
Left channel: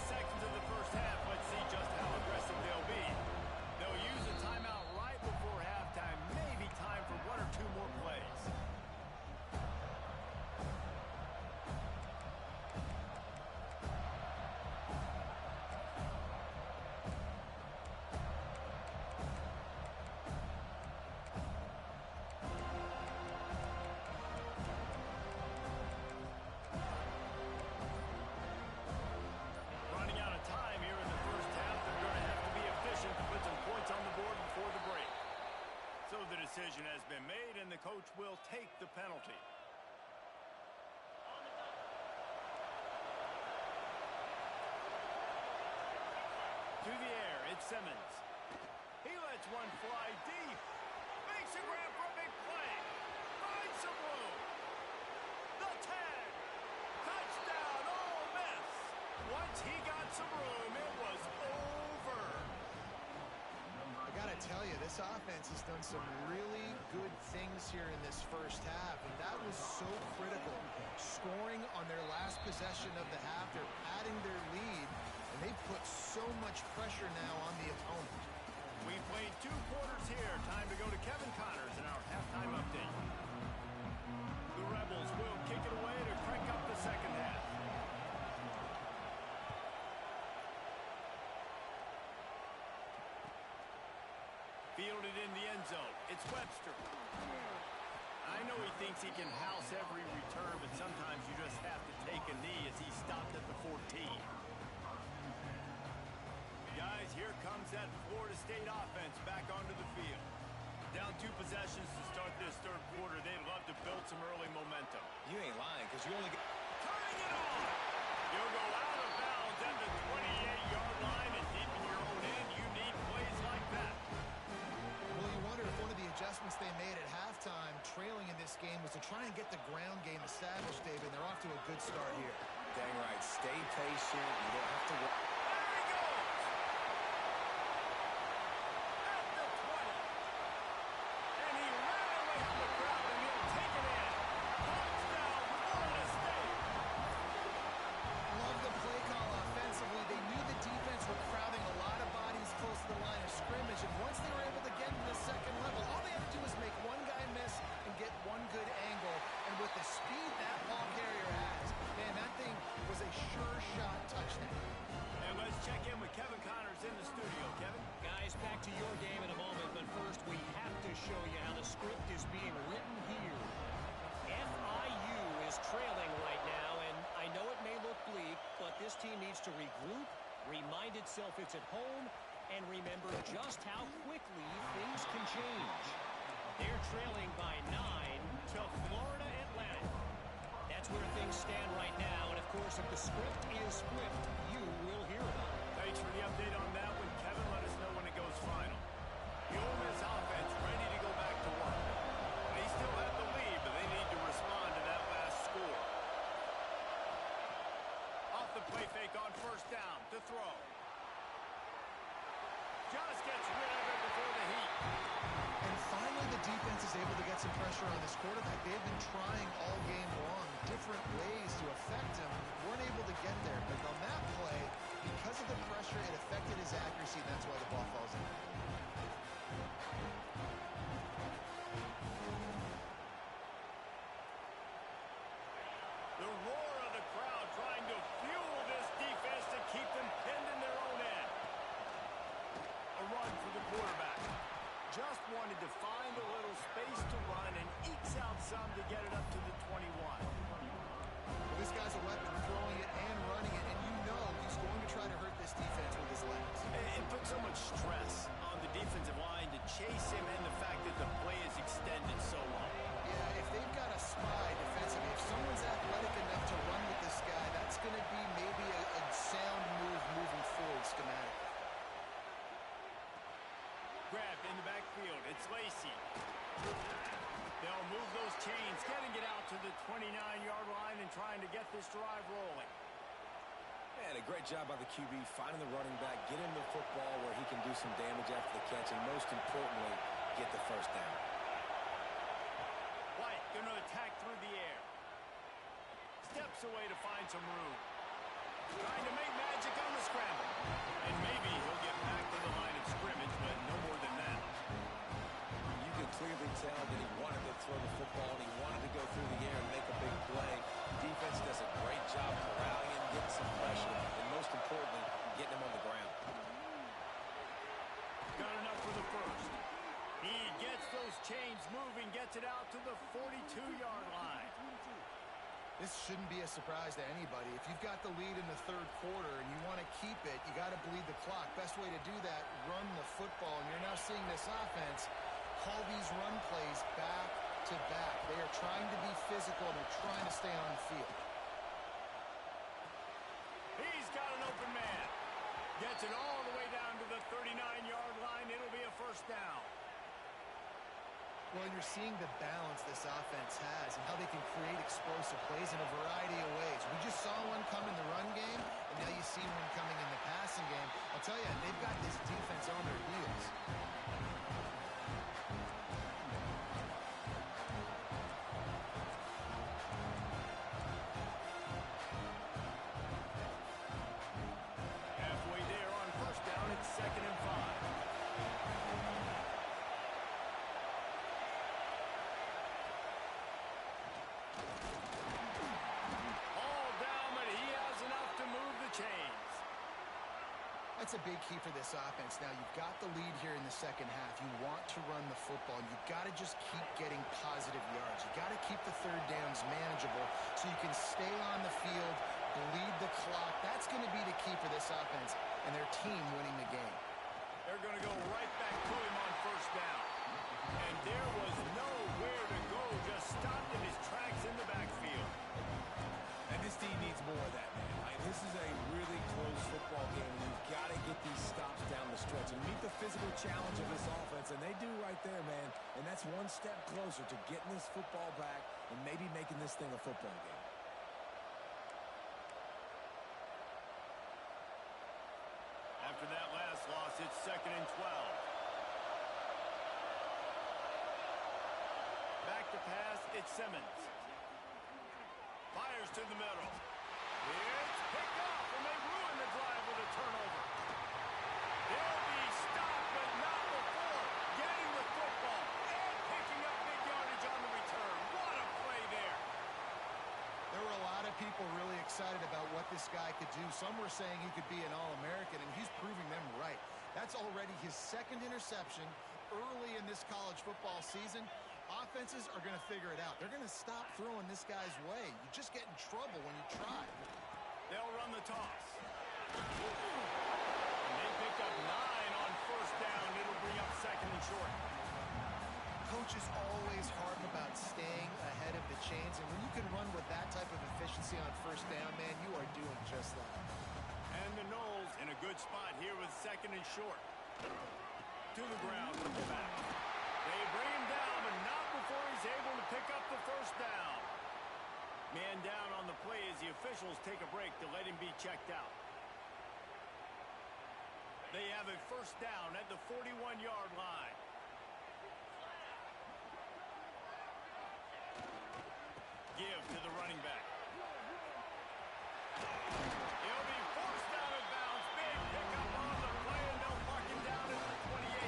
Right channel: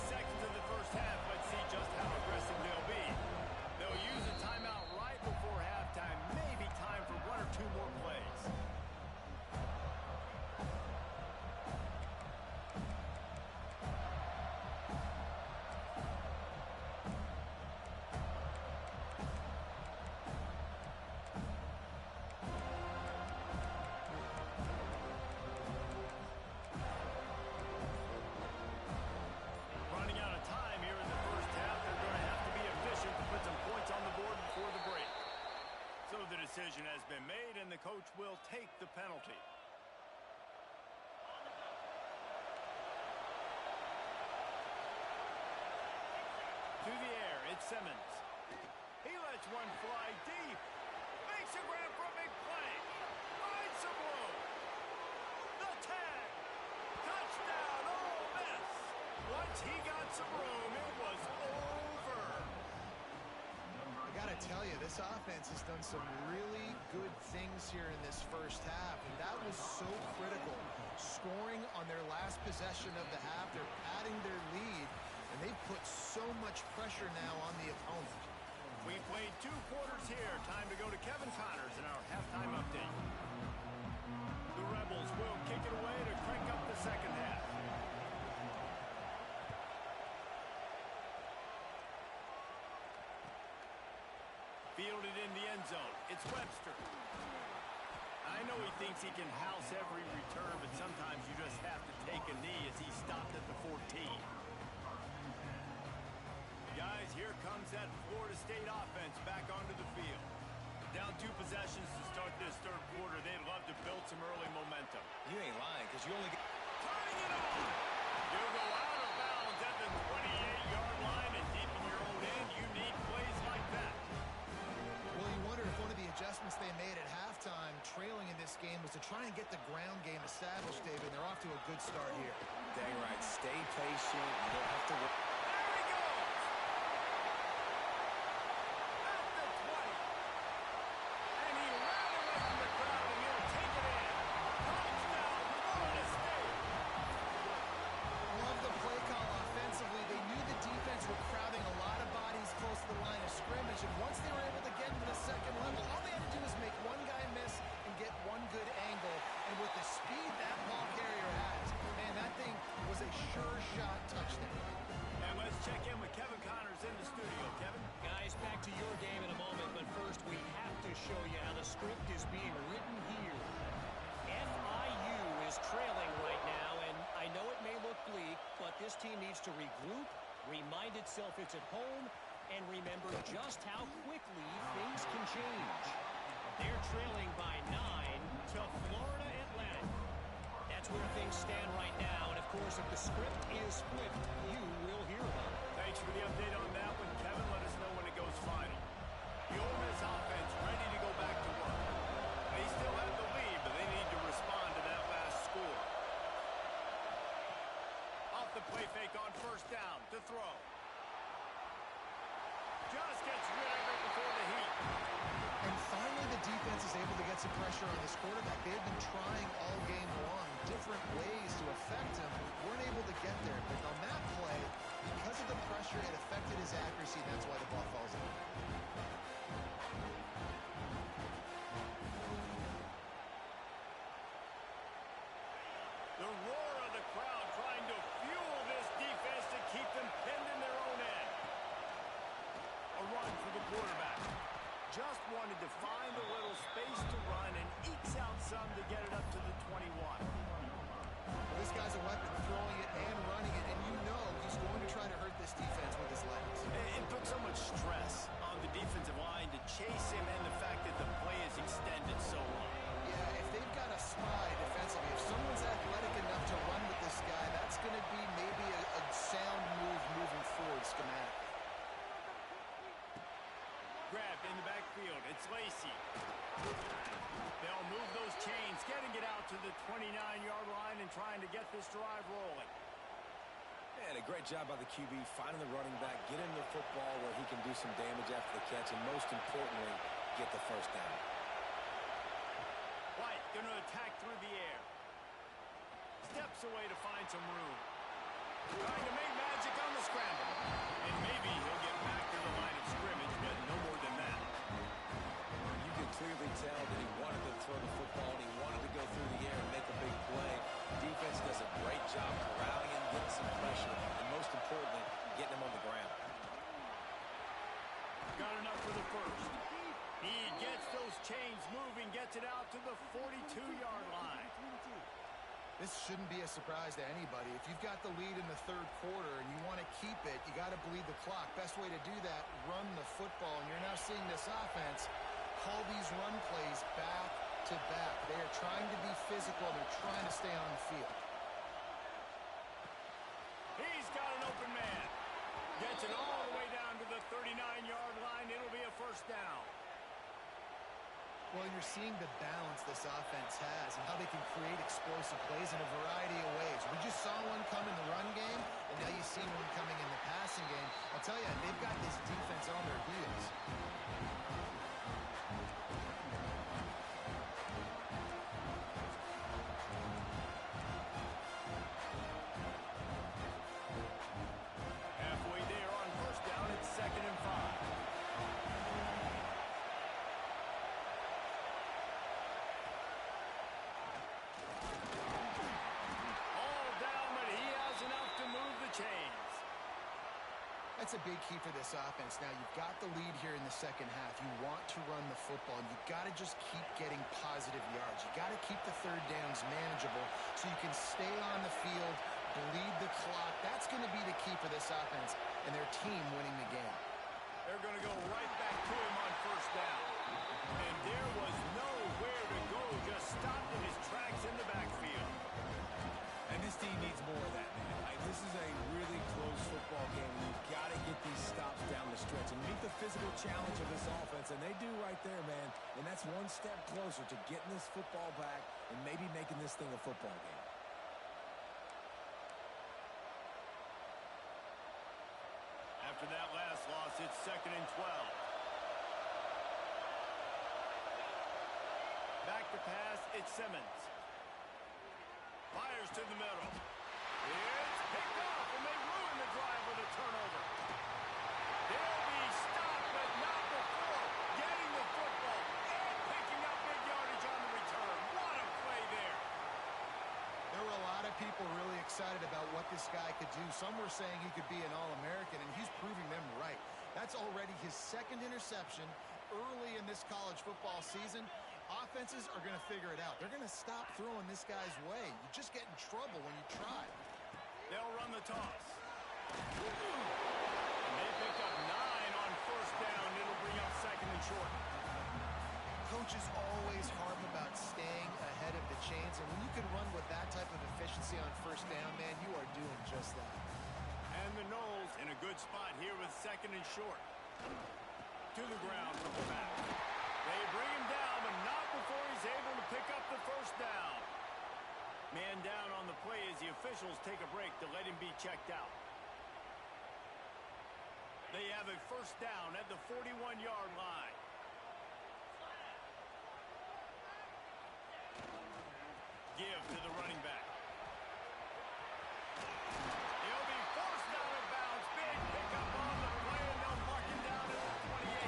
Seconds of the first half. Let's see just how aggressive they'll be. They'll use a timeout right before halftime. Maybe time for one or two more plays. Time here in the first half. They're going to have to be efficient to put some points on the board before the break. So the decision has been made, and the coach will take the penalty. To the air, it's Simmons. He lets one fly deep. Makes a grab for a big play. Finds some room. The 10. Touchdown, Ole Miss. Once he got some room, it was over. I got to tell you, this offense has done some really good things here in this first half, and that was so critical. Scoring on their last possession of the half, they're padding their lead, and they've put so much pressure now on the opponent. We played 2 quarters here. Time to go to Kevin Connors in our halftime update. The Rebels will kick it away to crank up the second half. Fielded in the end zone. It's Webster. I know he thinks he can house every return, but sometimes you just have to take a knee as he stopped at the 14. Guys, here comes that Florida State offense back onto the field. Down 2 possessions to start this third quarter. They'd love to build some early momentum. You ain't lying, because you only get... Turning it on! You'll go out of bounds at the 28-yard line, and deep in your own end, you need plays like that. Well, you wonder if one of the adjustments they made at halftime, trailing in this game, was to try and get the ground game established, David. They're off to a good start here. Dang right. Stay patient. You don't have to... There he goes! At the 20. And he ran away from the crowd, and he'll take it in. Touchdown, Florida State! Love the play call offensively. They knew the defense were crowding a lot of bodies close to the line of scrimmage, and once they were able to get to the second level, all they had to do was make one guy miss and get one good angle, and with the speed that ball carrier has, man, that thing was a sure shot touchdown. And let's check in with Kevin Connors in the studio. Kevin? Guys, back to your game in a moment, but first we have to show you how the script is being written here. FIU is trailing right now, and I know it may look bleak, but this team needs to regroup, remind itself it's at home, and remember just how quickly things can change. They're trailing by 9 to Florida Atlantic. That's where things stand right now, and of course, if the script is flipped, you will hear about it. Thanks for the update on that one, Kevin. Let us know when it goes final. The Ole Miss offense ready to go back to work. They still have the lead, but they need to respond to that last score. Off the play fake on first down to throw. Just gets rid of it before the heat. And finally, the defense is able to get some pressure on this quarterback. They have been trying all game long different ways to affect him. Weren't able to get there. But on that play, because of the pressure, it affected his accuracy, and that's why the ball falls in. The roar of the crowd trying to fuel this defense to keep them pinned in their own end. A run for the quarterback. Just wanted to find a little space to run and ekes out some to get it up to the 21. Well, this guy's a weapon, throwing it and running it, and you know he's going to try to hurt this defense with his legs. It puts so much stress on the defensive line to chase him and the fact that the play is extended so long. Yeah, if they've got a spy defensively, if someone's athletic enough to run with this guy, that's going to be maybe a sound move moving forward schematically. Grabbed in the backfield. It's Lacey. They'll move those chains, getting it out to the 29-yard line and trying to get this drive rolling. And a great job by the QB finding the running back, get him the football where he can do some damage after the catch, and most importantly, get the first down. White going to attack through the air. Steps away to find some room. Trying to make magic on the scramble. And maybe he'll get back to the line of scrimmage, but no more than that. You could clearly tell that he wanted to throw the football and he wanted to go through the air and make a big play. Defense does a great job corralling him, getting some pressure, and most importantly, getting him on the ground. Got enough for the first. He gets those chains moving, gets it out to the 42-yard line. This shouldn't be a surprise to anybody. If you've got the lead in the third quarter and you want to keep it, you got to bleed the clock. Best way to do that, run the football. And you're now seeing this offense call these run plays back to back. They are trying to be physical. They're trying to stay on the field. He's got an open man. Gets it all the way down to the 39-yard line. It'll be a first down. Well, you're seeing the balance this offense has and how they can create explosive plays in a variety of ways. We just saw one come in the run game, and now you see one coming in the passing game. I'll tell you, they've got this defense on their heels. Halfway there on first down, it's 2nd and 5. Chains. That's a big key for this offense. Now, you've got the lead here in the second half. You want to run the football. You've got to just keep getting positive yards. You've got to keep the third downs manageable so you can stay on the field, bleed the clock. That's going to be the key for this offense and their team winning the game. They're going to go right back to him on first down. And there was nowhere to go, just stopped in his tracks in the backfield. And this team needs more of that, man. This is a really close football game. You've got to get these stops down the stretch and meet the physical challenge of this offense, and they do right there, man. And that's one step closer to getting this football back and maybe making this thing a football game. After that last loss, it's 2nd and 12. Back to pass, it's Simmons. Fires to the middle. It's picked off, and they ruin the drive with a turnover. They'll be stopped, but not before getting the football and picking up big yardage on the return. What a play there. There were a lot of people really excited about what this guy could do. Some were saying he could be an All-American, and he's proving them right. That's already his second interception early in this college football season. Offenses are going to figure it out. They're going to stop throwing this guy's way. You just get in trouble when you try. They'll run the toss. And they pick up 9 on first down. It'll bring up second and short. Coaches always harp about staying ahead of the chains, and when you can run with that type of efficiency on first down, man, you are doing just that. And the Noles in a good spot here with second and short. To the ground from the back. They bring him down, but not before he's able to pick up the first down. Man down on the play as the officials take a break to let him be checked out. They have a first down at the 41-yard line. Give to the running back. He'll be forced out of bounds. Big pickup on the play, and they'll mark him down at the 28.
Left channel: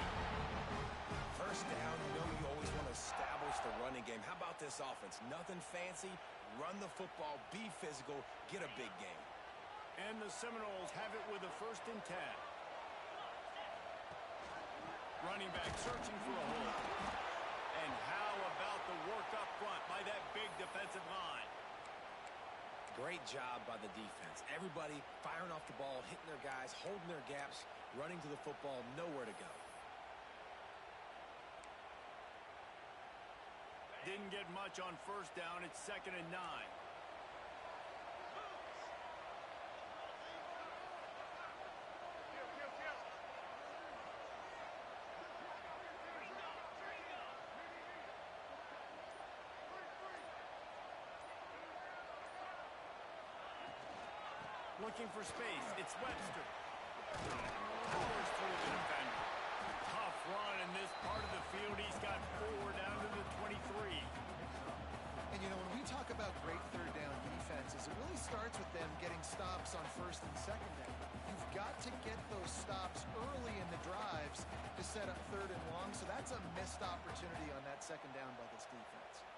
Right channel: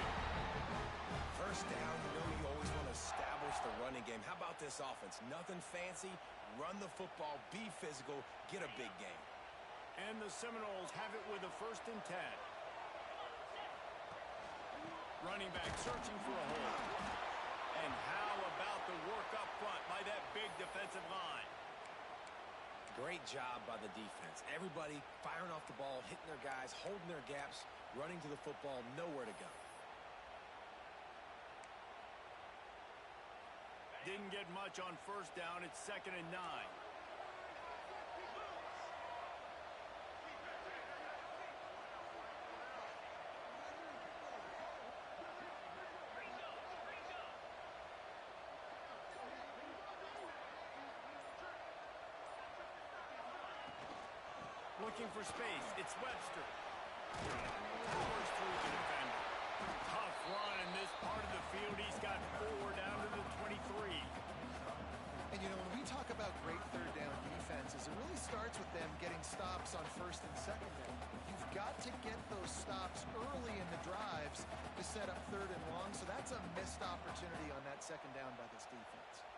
First down, you know you always want to establish the running game. How about this offense? Nothing fancy. Run the football, be physical, get a big game. And the Seminoles have it with a first and 10. Running back searching for a hole. And how about the work up front by that big defensive line? Great job by the defense. Everybody firing off the ball, hitting their guys, holding their gaps, running to the football, nowhere to go. Didn't get much on first down. It's second and 9. Looking for space. It's Webster. Powers through the defender. Tough run in this part of the field. He's got 4 down to the 23. And, you know, when we talk about great third down defenses, it really starts with them getting stops on first and second down. You've got to get those stops early in the drives to set up third and long, so that's a missed opportunity on that second down by this defense.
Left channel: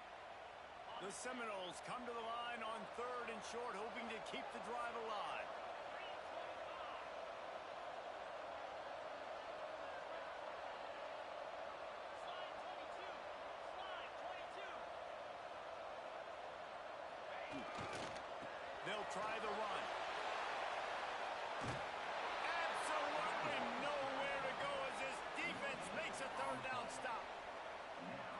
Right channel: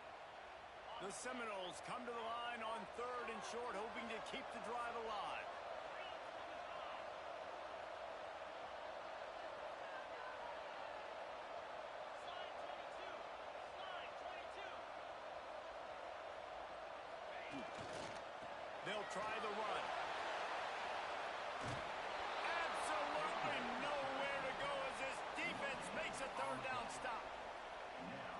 The Seminoles come to the line on third and short, hoping to keep the drive alive. They'll try the run. Absolutely nowhere to go as this defense makes a third down stop.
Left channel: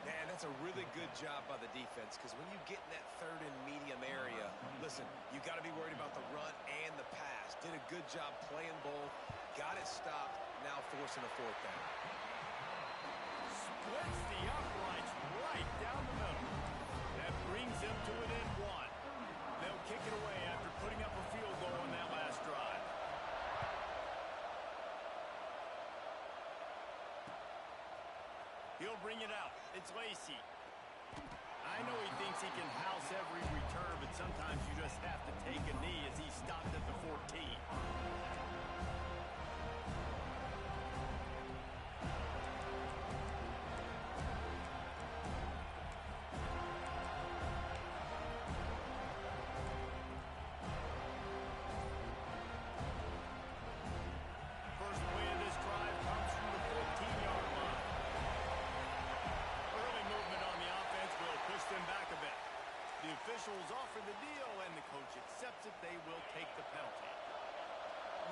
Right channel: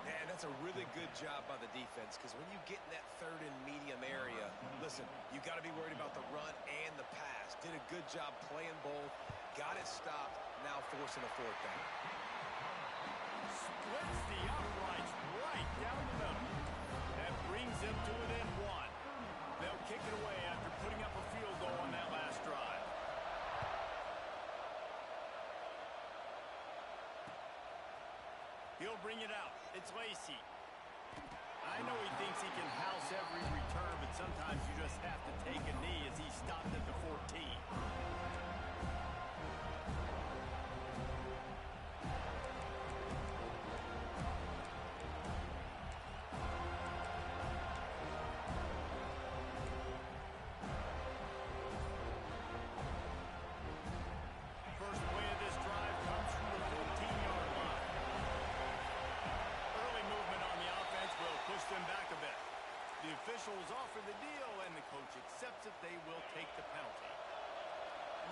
Man, that's a really good job by the defense, because when you get in that third and medium area, listen, you got to be worried about the run and the pass. Did a good job playing both, got it stopped, now forcing a fourth down. Splits the uprights right down the middle. That brings them to within 1. They'll kick it away after putting up a field goal on that last drive. He'll bring it out. It's Lacey. I know he thinks he can house every return, but sometimes you just have to take a knee as he stopped at the 14. First play of this drive comes from the 14-yard line. Early movement on the offense will push them back a bit. The officials offer the deal, and the coach accepts it. They will take the penalty.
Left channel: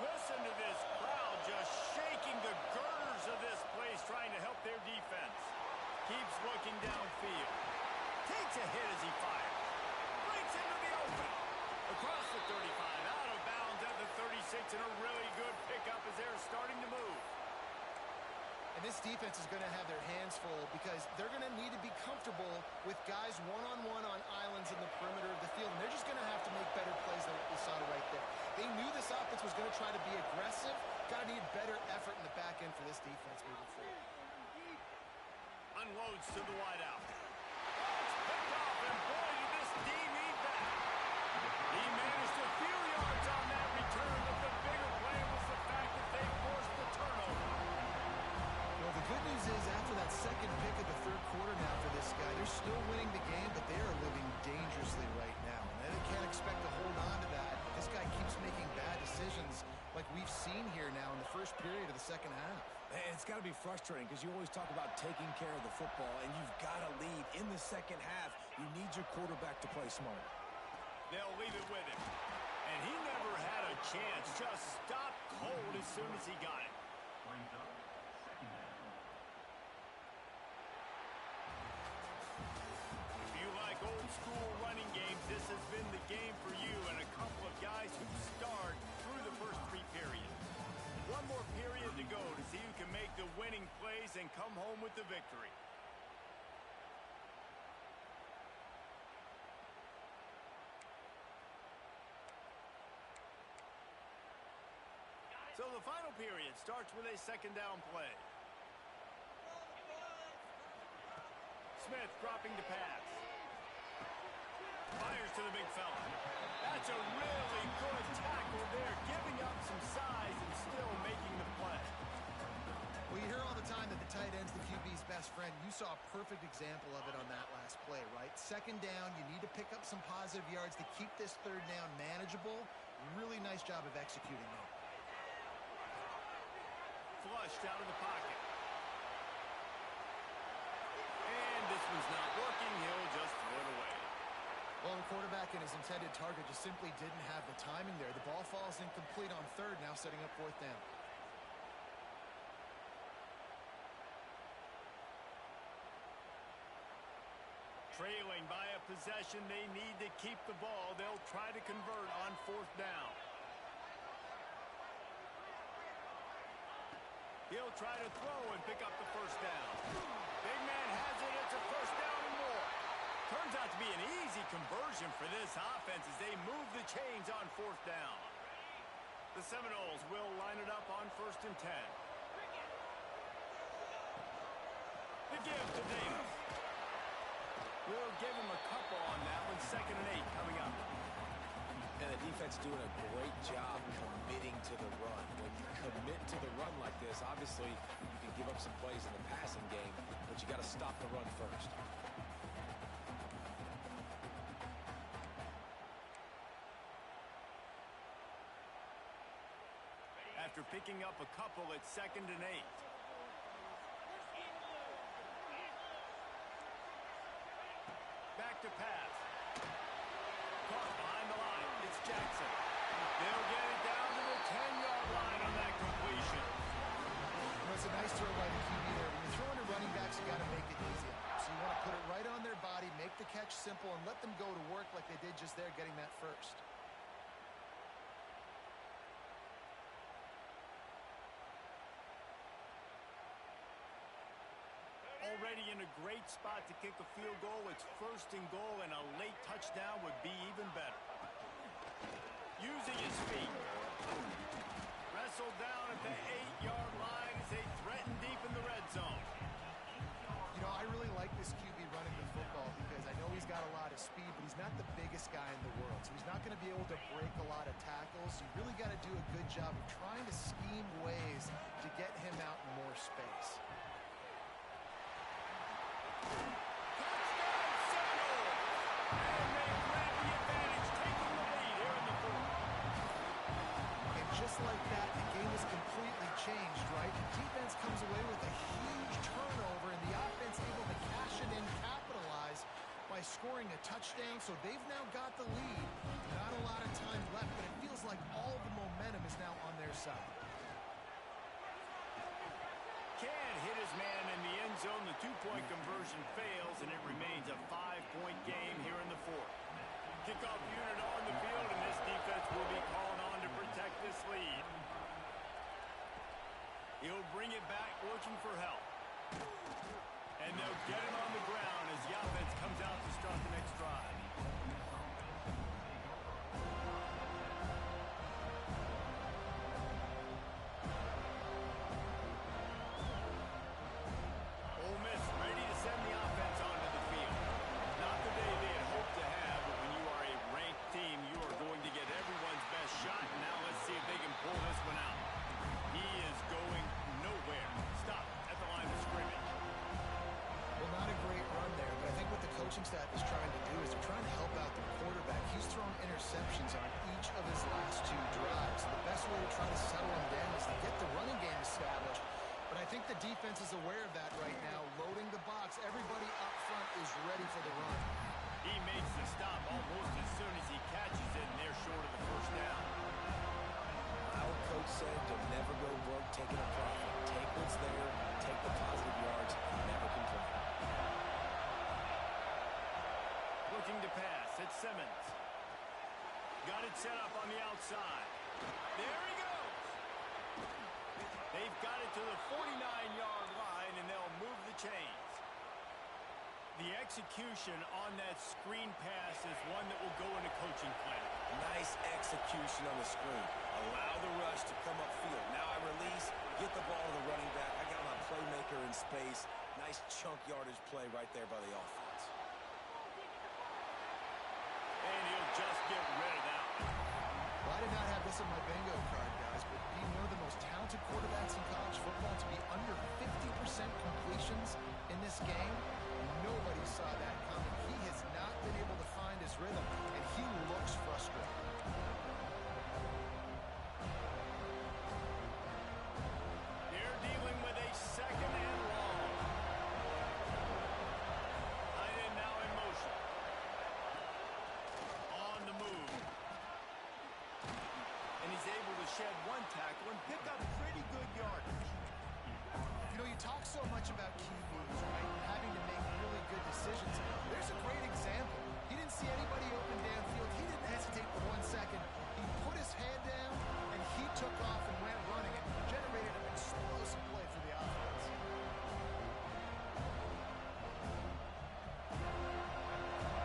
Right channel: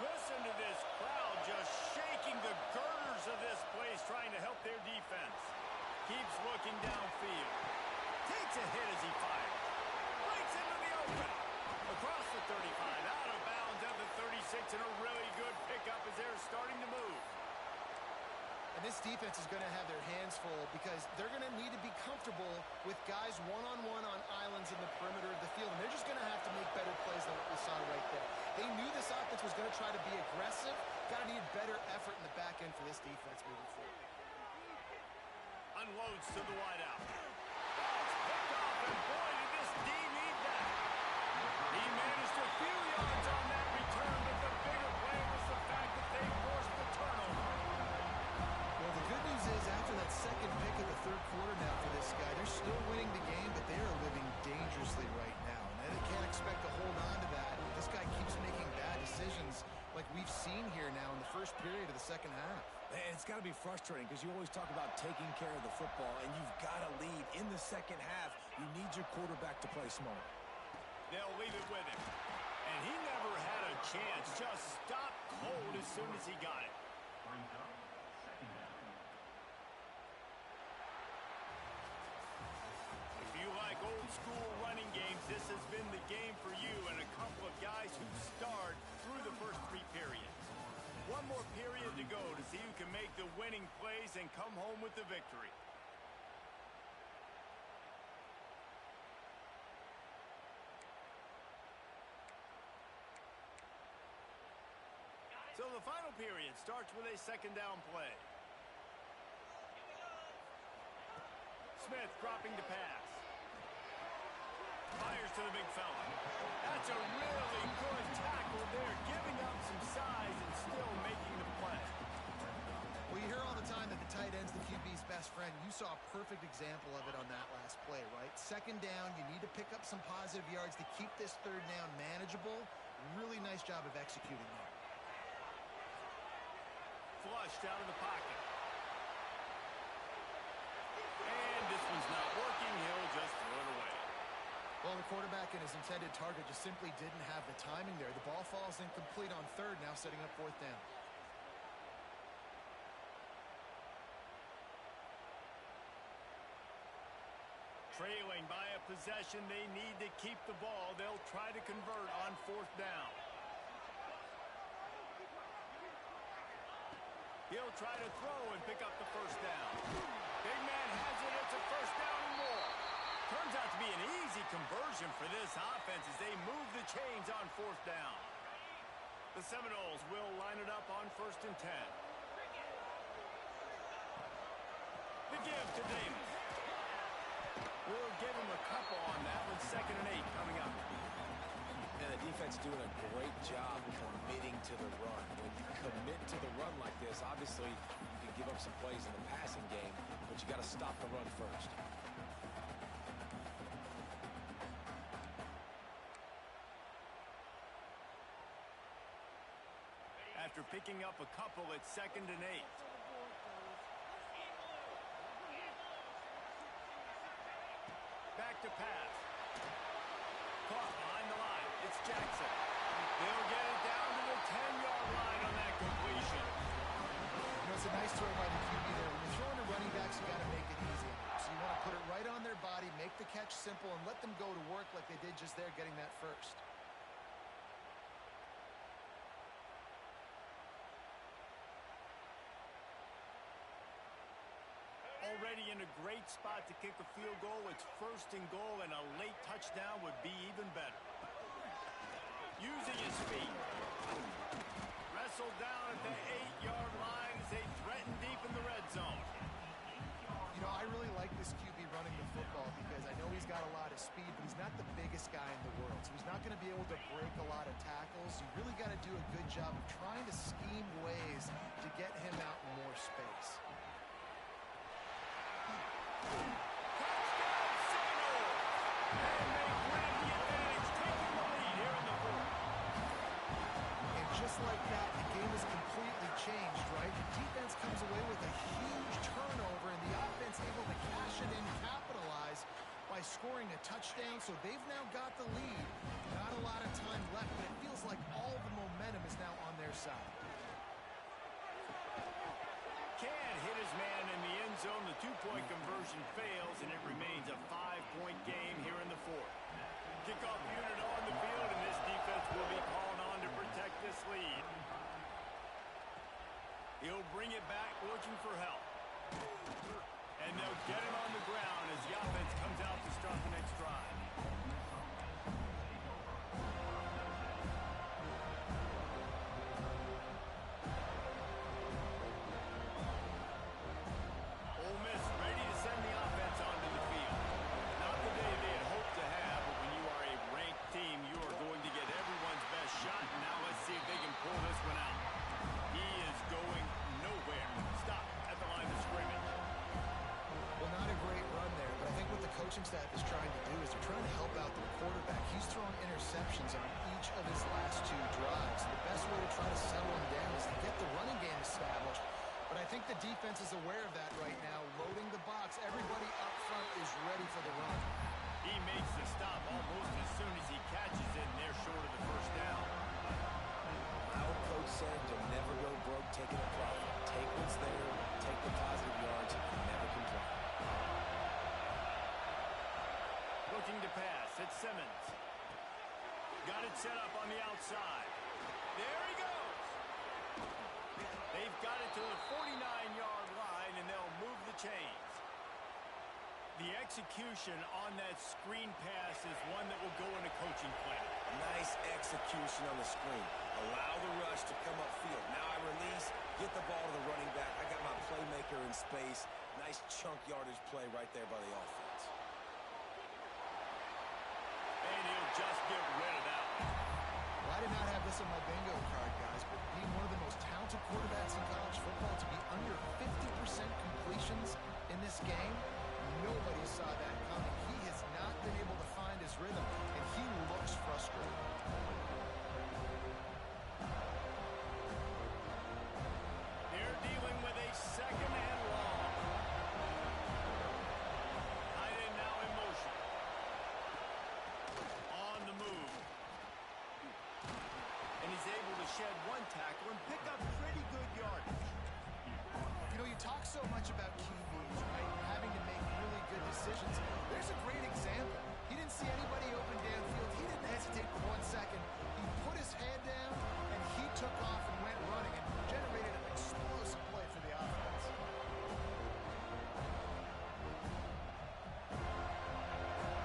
Listen to this crowd just shaking the girders of this place, trying to help their defense. Keeps looking downfield. Takes a hit as he fires. Breaks into the open. Across the 35, out of bounds at the 36, and a really good pickup as they're starting to move. And this defense is going to have their hands full because they're going to need to be comfortable with guys one-on-one on islands in the perimeter of the field. And they're just going to have to make better plays than what we saw right there. They knew this offense was going to try to be aggressive. Got to need better effort in the back end for this defense moving forward. Unloads to the wideout. Oh, it's picked off, and boy, did this D need that. He managed a few yards on that return, but the bigger play was the fact that they forced the turnover. Well, the good news is after that second pick of the third quarter now for this guy, they're still winning the game, but they are living dangerously right now. And they can't expect to hold on to that. This guy keeps making bad decisions like we've seen here now in the first period of the second half. Man, it's got to be frustrating because you always talk about taking care of the football, and you've got to lead in the second half. You need your quarterback to play smart. They'll leave it with him. And he never had a chance. Just stopped cold as soon as he got it. If you like old school running games, this has been the game for you and a couple of guys who starred through the first 3 periods. One more period to go to see who can make the winning plays and come home with the victory. So the final period starts with a second down play. Smith dropping to pass. Fires to the big fella. That's a really good tackle there, giving up some size and still making the play. Well, you hear all the time that the tight end's the QB's best friend. You saw a perfect example of it on that last play, right? Second down, you need to pick up some positive yards to keep this third down manageable. Really nice job of executing there. Flushed out of the pocket. And this one's not working. He'll just throw it away. Well, the quarterback and his intended target just simply didn't have the timing there. The ball falls incomplete on third, now setting up fourth down. Trailing by a possession, they need to keep the ball. They'll try to convert on fourth down. He'll try to throw and pick up the first down. Big man has it. It's a first down and more. Turns out to be an easy conversion for this offense as they move the chains on fourth down. The Seminoles will line it up on 1st and 10. The give to Davis. We'll give him a couple on that one. 2nd and 8 coming up. And the defense doing a great job committing to the run. When you commit to the run like this, obviously you can give up some plays in the passing game, but you got to stop the run first. After picking up a couple, it's 2nd and 8. Back to pass. Caught behind the line. It's Jackson. They'll get it down to the 10-yard line on that completion. You know, it's a nice throw by the QB there. When you're throwing to running backs, you got to make it easy on them. So you want to put it right on their body, make the catch simple, and let them go to work like they did just there, getting that first. Already in a great spot to kick a field goal. It's 1st and goal, and a late touchdown would be even better. Using his feet. Wrestled down at the 8-yard line as they threaten deep in the red zone. You know, I really like this QB running the football because I know he's got a lot of speed, but he's not the biggest guy in the world. So he's not going to be able to break a lot of tackles. You really got to do a good job of trying to scheme ways to get him out in more space. Touchdown Seminoles! And they grab the advantage, taking the lead here in the 4th. And just like that, the game is completely changed, right? The defense comes away with a huge turnover, and the offense able to cash it in, capitalize by scoring a touchdown. So they've now got the lead. Not a lot of time left, but it feels like all the momentum is now on their side. Can't hit his man in the end zone. The 2-point conversion fails, and it remains a 5-point game here in the 4th. Kickoff unit on the field, and this defense will be called on to protect this lead. He'll bring it back looking for help. And they'll get him on the ground as the offense comes out to start the next drive. Ole Miss ready to send the offense onto the field. Not the day they had hoped to have, but when you are a ranked team, you are going to get everyone's best shot. Now let's see if they can pull this one out. He is going nowhere. Stop at the line of scrimmage. Well, not a great run there, but I think what the coaching staff is trying to do is they're trying to help out their quarterback. He's thrown interceptions on each of his last 2 drives. And the best way to try to settle him down is to get the running game established. But I think the defense is aware of that right now, loading the box. Everybody up front is ready for the run. He makes the stop almost as soon as he catches it, and they're short of the first down. My old coach said you'll never go broke taking a profit. Take what's there, take the positive yards, and never complain. Looking to pass, it's Simmons. Got it set up on the outside. There he goes. They've got it to the 49-yard line, and they'll move the chains. The execution on that screen pass is one that will go in a coaching clinic. Nice execution on the screen. Allow the rush to come upfield. Now I release, get the ball to the running back. I got my playmaker in space. Nice chunk yardage play right there by the offense. And he'll just get rid of that one. Well, I did not have this on my bingo card, guys, but being one of the most talented quarterbacks in college football, to be under 50% completions in this game, nobody saw that coming. He has not been able to find his rhythm, and he looks frustrated. They're dealing with a second and long. Tight end now in motion. On the move. And he's able to shed one tackle and pick up pretty good yardage. You know, you talk so much about QBs, right? Having to make really good decisions. There's a great example. He didn't see anybody open downfield. He didn't hesitate for 1 second. He put his head down, and he took off and went running and generated an explosive play for the offense.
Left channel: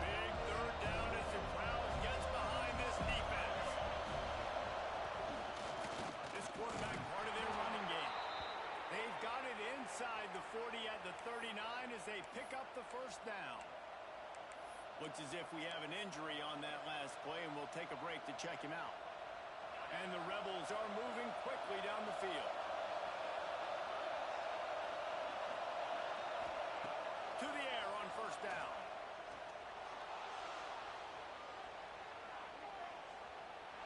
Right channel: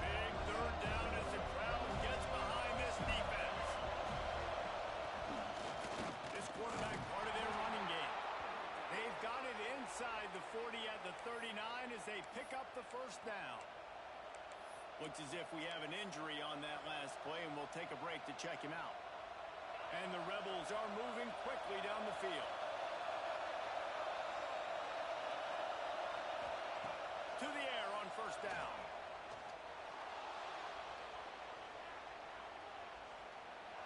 Big third down as the crowd gets behind this defense. This quarterback part of their running game. They've got it inside the 40 at the 39 as they pick up the first down. Looks as if we have an injury on that last play, and we'll take a break to check him out. And the Rebels are moving quickly down the field. To the air on first down.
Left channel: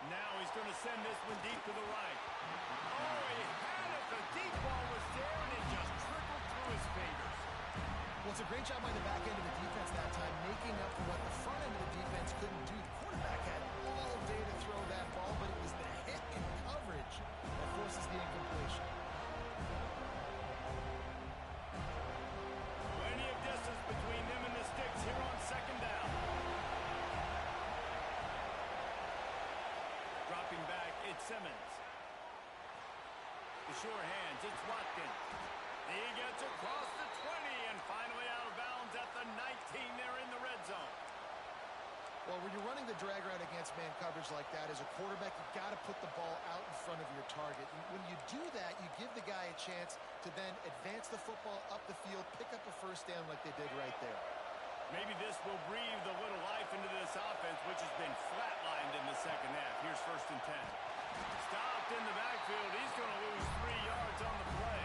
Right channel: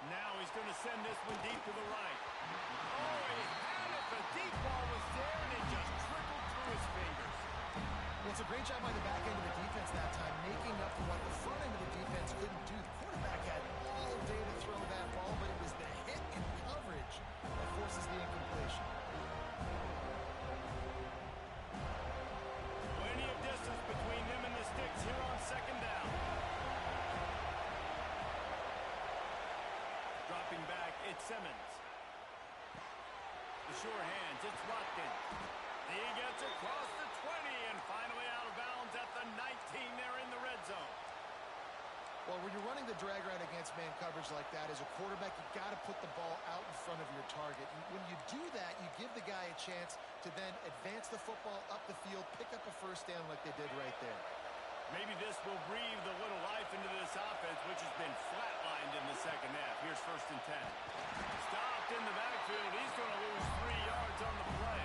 Now he's going to send this one deep to the right. Oh, he had it. The deep ball was there, and it just trickled through his fingers. Well, it's a great job by the back end of the defense that time, making up for what the front end of the defense couldn't do. The quarterback had all day to throw that ball, but it was the hit and coverage that forces the incompletion. Plenty of distance between them and the sticks here on second down. Dropping back, it's Simmons. The sure hands, it's Watkins. He gets across the 20 and finally out of bounds at the 19 there in the red zone. Well, when you're running the drag route against man coverage like that, as a quarterback, you've got to put the ball out in front of your target. And when you do that, you give the guy a chance to then advance the football up the field, pick up a first down like they did right there. Maybe this will breathe a little life into this offense, which has been flatlined in the second half. Here's first and 10. Stopped in the backfield. He's going to lose 3 yards on the play.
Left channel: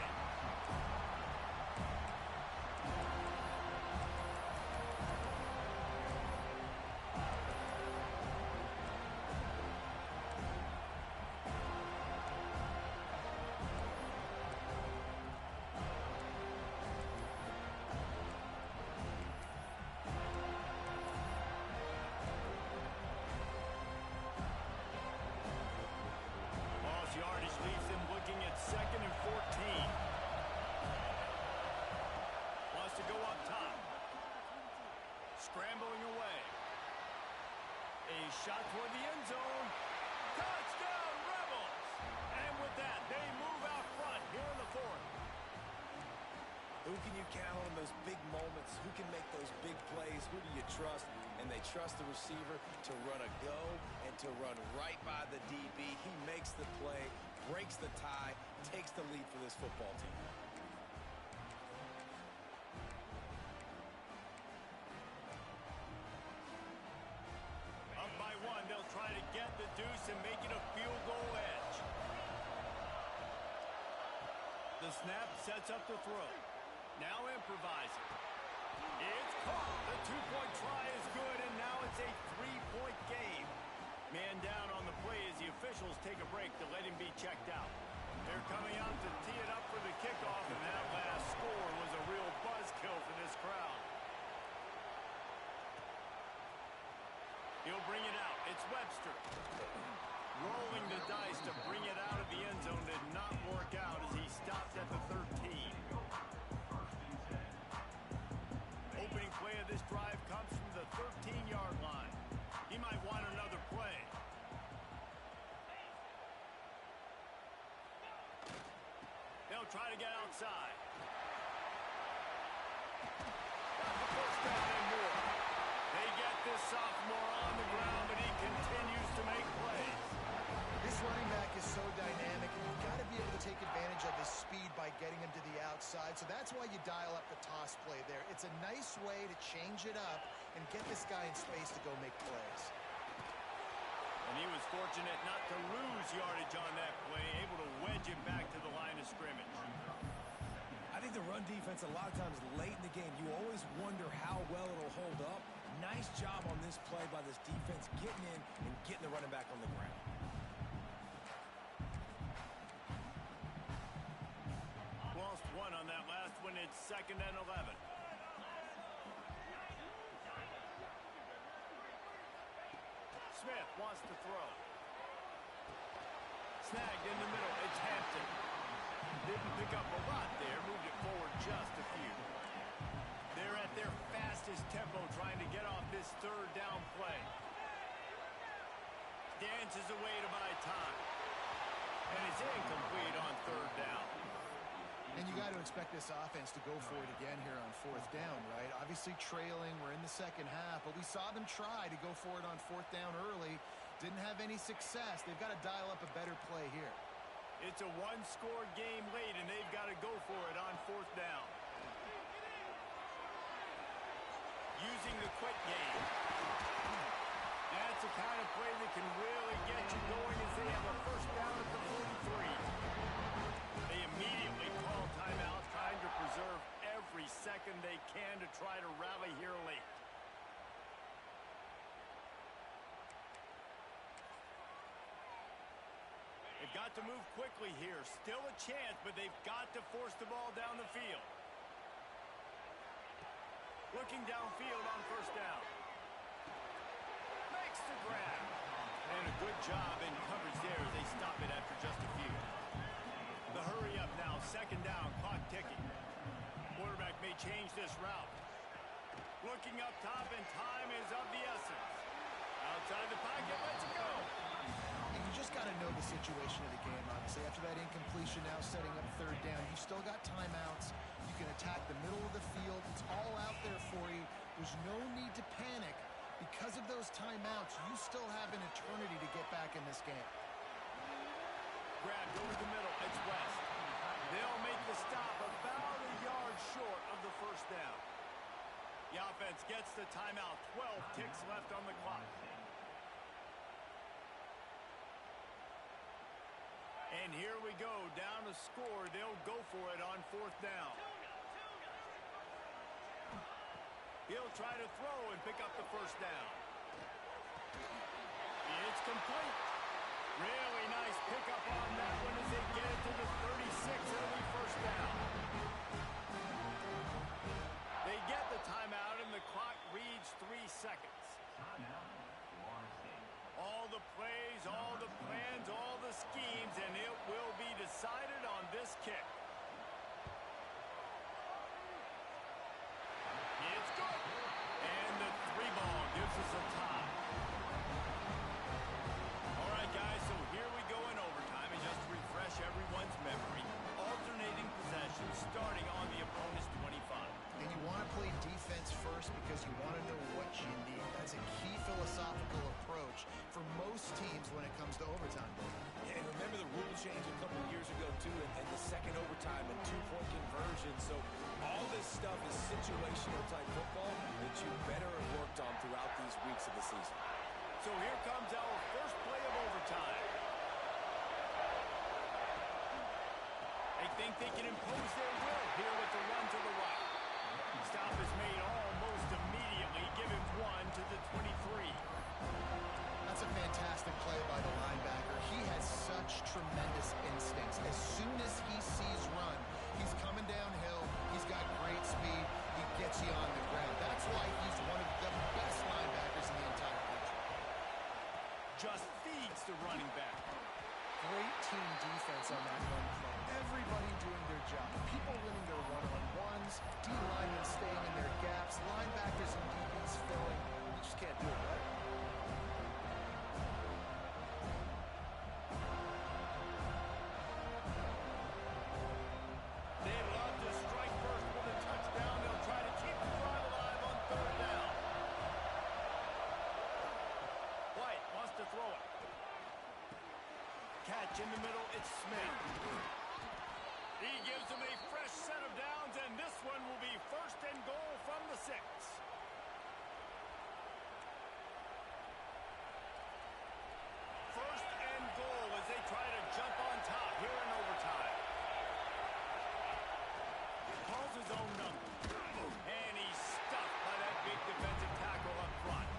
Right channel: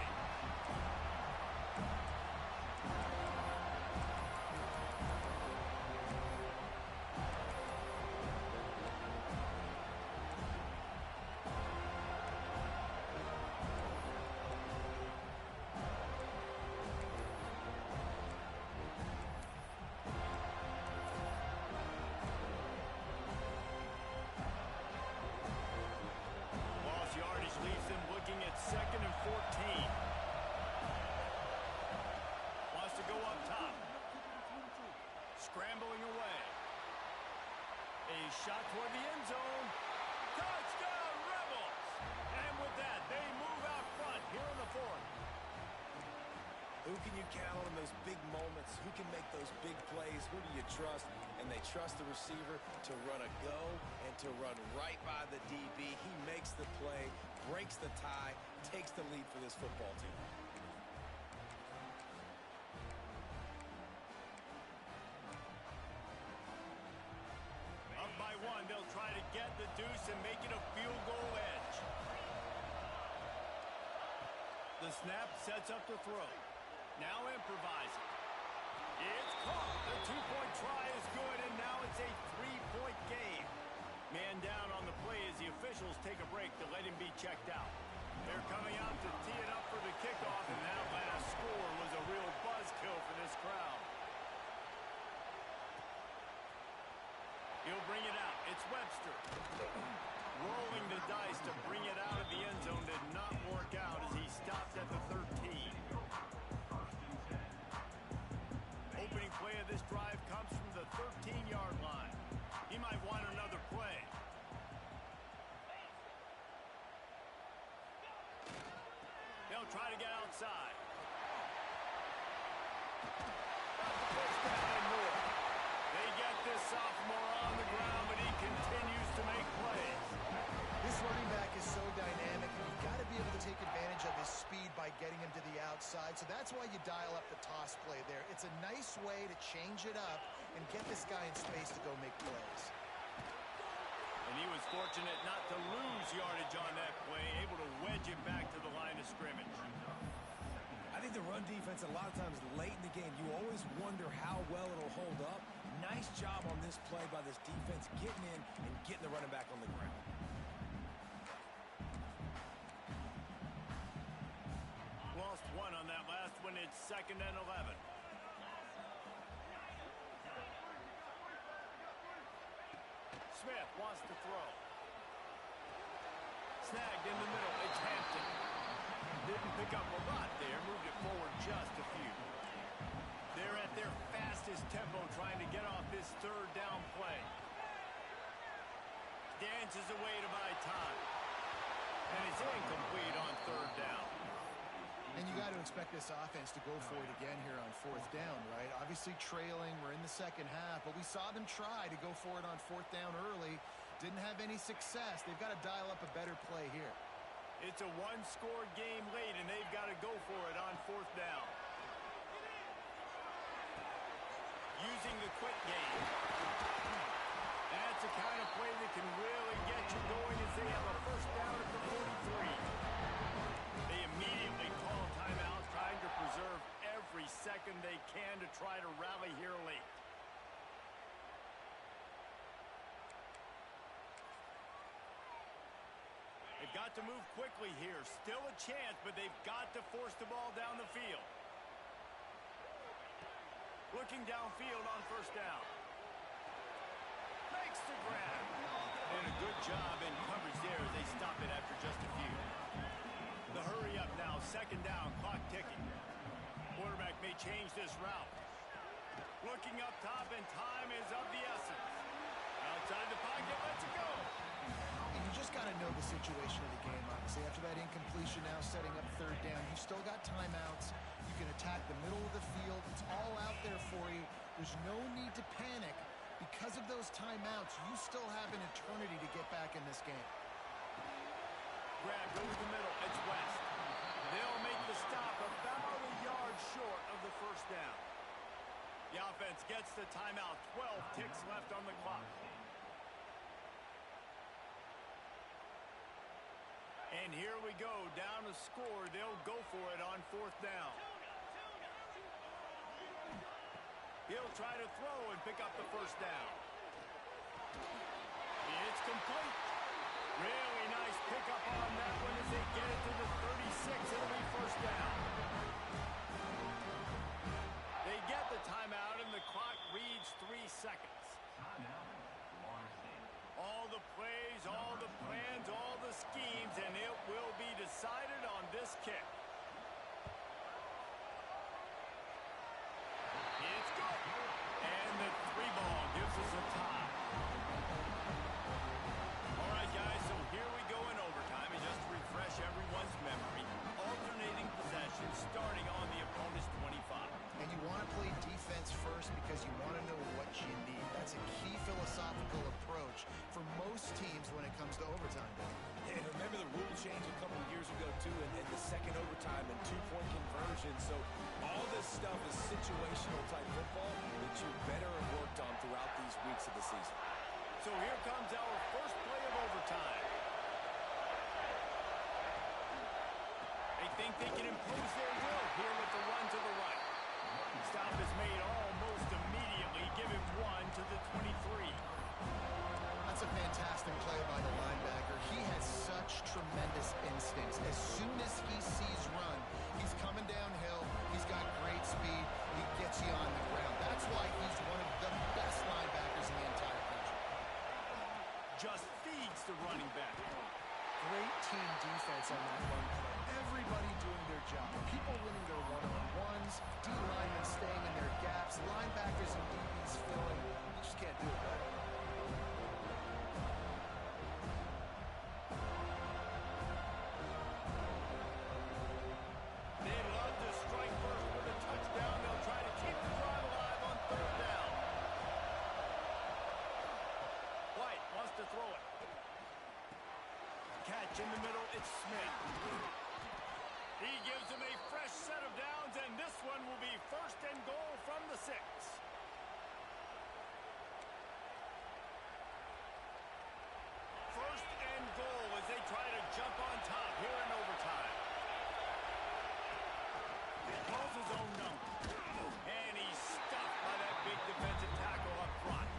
Yardage leaves them looking at second and 14. Wants to go up top. Scrambling away. A shot toward the end zone. Touchdown, Rebels! And with that, they move out front here in the fourth. Who can you count on in those big moments? Who can make those big plays? Who do you trust? And they trust the receiver to run a go and to run right by the DB. He makes the play, breaks the tie, takes the lead for this football team. Up by 1, they'll try to get the deuce and make it a field goal edge. The snap sets up the throw. Now improvising. It's caught. The two-point try is good, and now it's a three-point game. Man down on the play as the officials take a break to let him be checked out. They're coming out to tee it up for the kickoff, and that last score was a real buzzkill for this crowd. He'll bring it out. It's Webster. Rolling the dice to bring it out of the end zone did not work out as he stopped at the 13. Opening play of this drive comes from the 13-yard line. He might want another play. They'll try to get outside. Got the first down and more. They get this sophomore on the ground, but he continues to make plays. This running back is so dynamic, and you've got to be able to take advantage of his speed by getting him to the outside. So that's why you dial up the toss play there. It's a nice way to change it up and get this guy in space to go make plays. And he was fortunate not to lose yardage on that play, able to wedge it back to the line of scrimmage. I think the run defense, a lot of times late in the game, you always wonder how well it'll hold up. Nice job on this play by this defense, getting in and getting the running back on the ground. Lost one on that last one. It's 2nd and 11. Smith wants to throw. Snagged in the middle. It's Hampton. Didn't pick up a lot there. Moved it forward just a few. They're at their fastest tempo trying to get off this 3rd down play. Dances away to buy time. And it's incomplete on 3rd down. And you got to expect this offense to go for it again here on 4th down, right? Obviously trailing. We're in the 2nd half, but we saw them try to go for it on 4th down early. Didn't have any success. They've got to dial up a better play here. It's a one-score game late, and they've got to go for it on 4th down. Using the quick game. That's the kind of play that can really get you going as they have a 1st down at the 43. They immediately call timeout, trying to preserve every second they can to try to rally here late. They've got to move quickly here. Still a chance, but they've got to force the ball down the field. Looking downfield on 1st down. Makes the grab. And a good job in coverage there as they stop it after just a few. The hurry up now, 2nd down, clock ticking. Quarterback may change this route. Looking up top, and time is of the essence. Outside the pocket, lets it go. And you just got to know the situation of the game, obviously. After that incompletion now setting up 3rd down, you've still got timeouts. You can attack the middle of the field. It's all out there for you. There's no need to panic. Because of those timeouts, you still have an eternity to get back in this game. Grabbed over the middle. It's West. They'll make the stop about a yard short of the 1st down. The offense gets the timeout. 12 ticks left on the clock. And here we go. Down to score. They'll go for it on 4th down. He'll try to throw and pick up the 1st down. It's complete. Really nice pickup on that one as they get it to the 36. It'll be 1st down. They get the timeout, and the clock reads 3 seconds. All the plays, all the plans, all the schemes, and it will be decided on this kick. It's good. And the 3 ball gives us a tie. All right, guys, so here we go in overtime. And just to refresh everyone's memory, alternating possession starting on the opponent's 25. And you want to play defense first because you want to know what you need. That's a key philosophical approach for most teams when it comes to overtime. Yeah, and remember the rule change a couple of years ago, too, and the 2nd overtime and 2-point conversion. So all this stuff is situational type football that you better have worked on throughout these weeks of the season. So here comes our first play of overtime. They think they can impose their will here with the run to the right. Stop is made almost immediately. Give him 1 to the 23. That's a fantastic play by the linebacker. He has such tremendous instincts. As soon as he sees run, he's coming downhill. He's got great speed. He gets you on the ground. That's why he's one of the best linebackers in the entire country. zones, D linemen staying in their gaps, linebackers and DBs filling. You just can't do it better. They'd love to strike first with a touchdown. They'll try to keep the drive alive on third down. White wants to throw it. Catch in the middle, it's Smith. He gives him a fresh set of downs, and this one will be first and goal from the 6. First and goal as they try to jump on top here in overtime. He calls his own number. And he's stuffed by that big defensive tackle up front.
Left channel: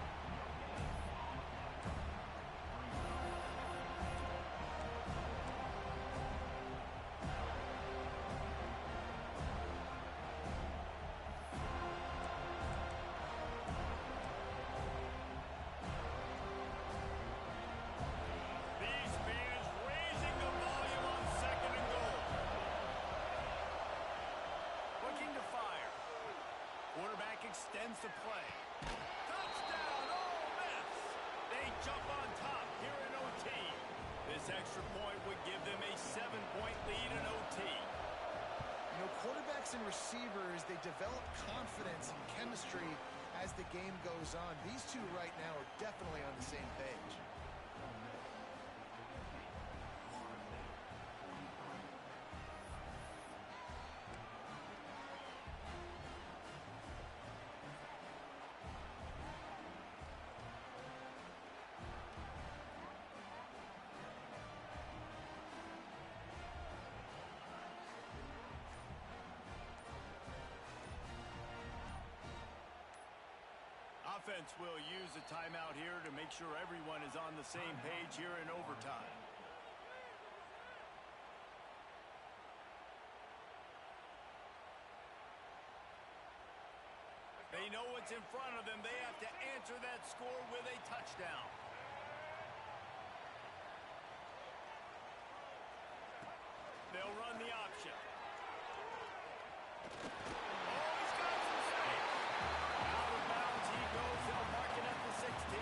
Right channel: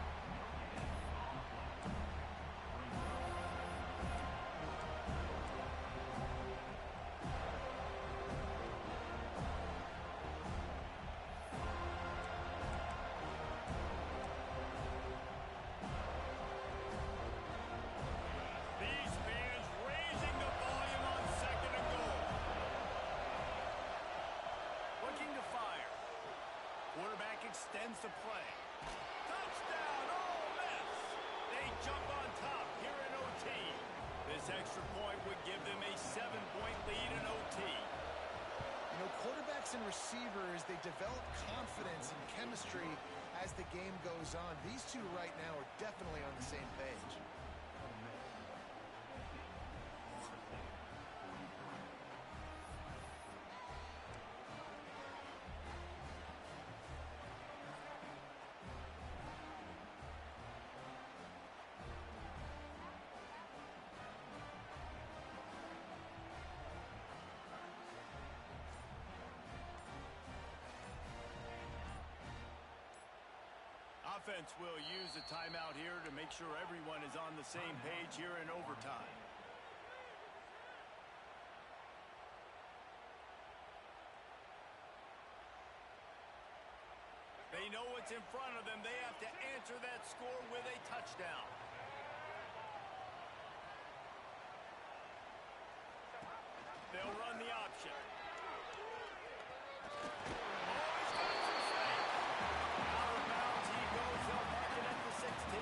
These fans raising the volume on second and goal. Looking to fire. Quarterback extends the play. Touchdown, Ole Miss! They jump on top here in OT. This extra point would give them a 7-point lead in OT. You know, quarterbacks and receivers, they develop confidence and chemistry as the game goes on. These two right now are definitely on the same page. Offense will use a timeout here to make sure everyone is on the same page here in overtime. They know what's in front of them. They have to answer that score with a touchdown. They'll run the option. Oh, he's got some space. Out of bounds he goes. They'll mark it at the 16.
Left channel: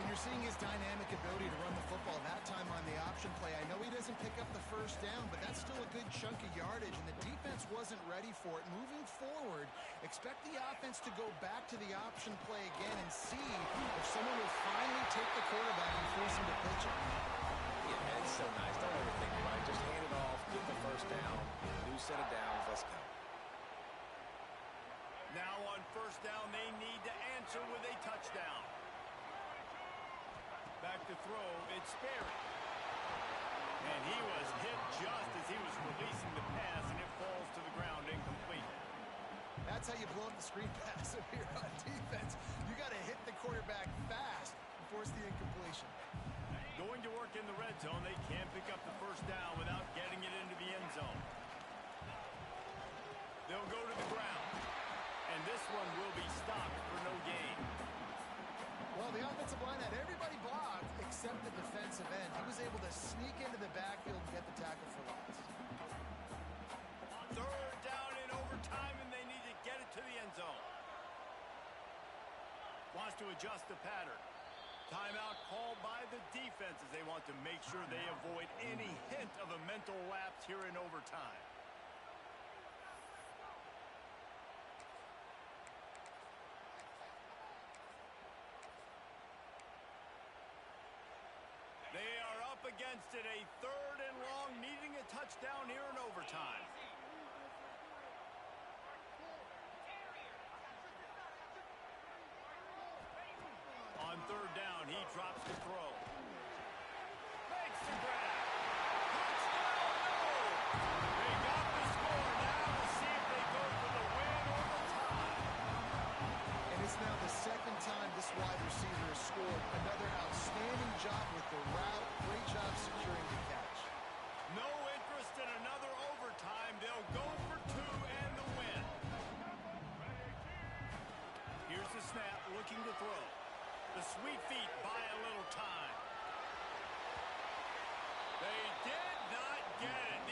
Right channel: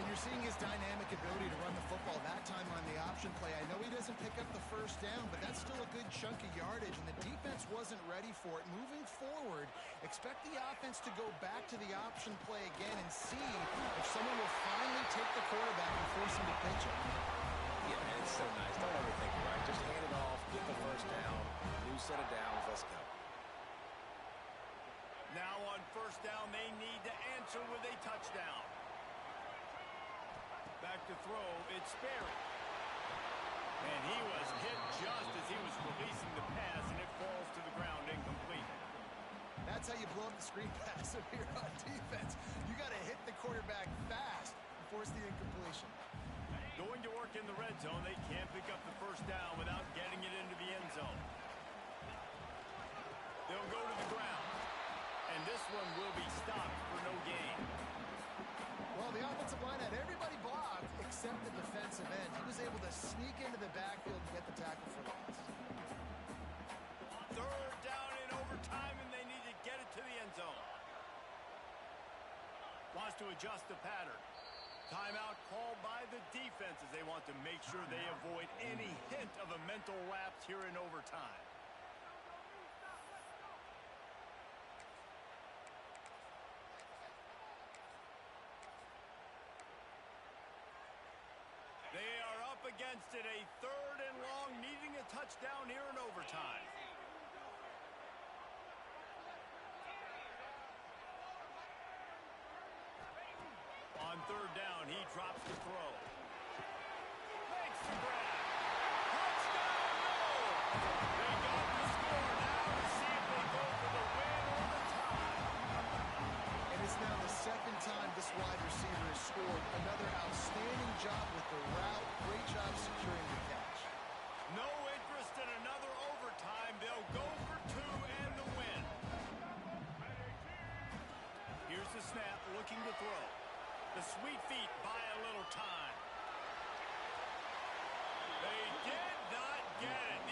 And you're seeing his dynamic ability to run the football that time on the option play. I know he doesn't pick up the first down, but that's still a good chunk of yardage, and the defense wasn't ready for it. Moving forward, expect the offense to go back to the option play again and see if someone will finally take the quarterback and force him to pitch it. Yeah, man, it's so nice. Don't overthink it, right? Just hand it off, get the first down, new set of downs, let's go. Now on first down, they need to answer with a touchdown. Back to throw, it's Sperry. And he was hit just as he was releasing the pass, and it falls to the ground incomplete. That's how you blow up the screen pass if you're on defense. You got to hit the quarterback fast and force the incompletion. Going to work in the red zone, they can't pick up the first down without getting it into the end zone. They'll go to the ground. And this one will be stopped for no gain. Well, the offensive line had everybody blocked except the defensive end. He was able to sneak into the backfield and get the tackle for loss. Third down in overtime, and they need to get it to the end zone. Wants to adjust the pattern. Timeout called by the defense as they want to make sure they avoid any hint of a mental lapse here in overtime. They are up against it, a third and long, needing a touchdown here in overtime. On third down, he drops the throw. Makes the grab. Touchdown, no! They got the score now to see if they go for the win or the tie. And it's now the second time this wide receiver has scored. Another outstanding job with the route. Great job securing the catch. No interest in another overtime. They'll go for two and the win. Here's the snap, looking to throw. The sweet feet buy a little time. They did not get it.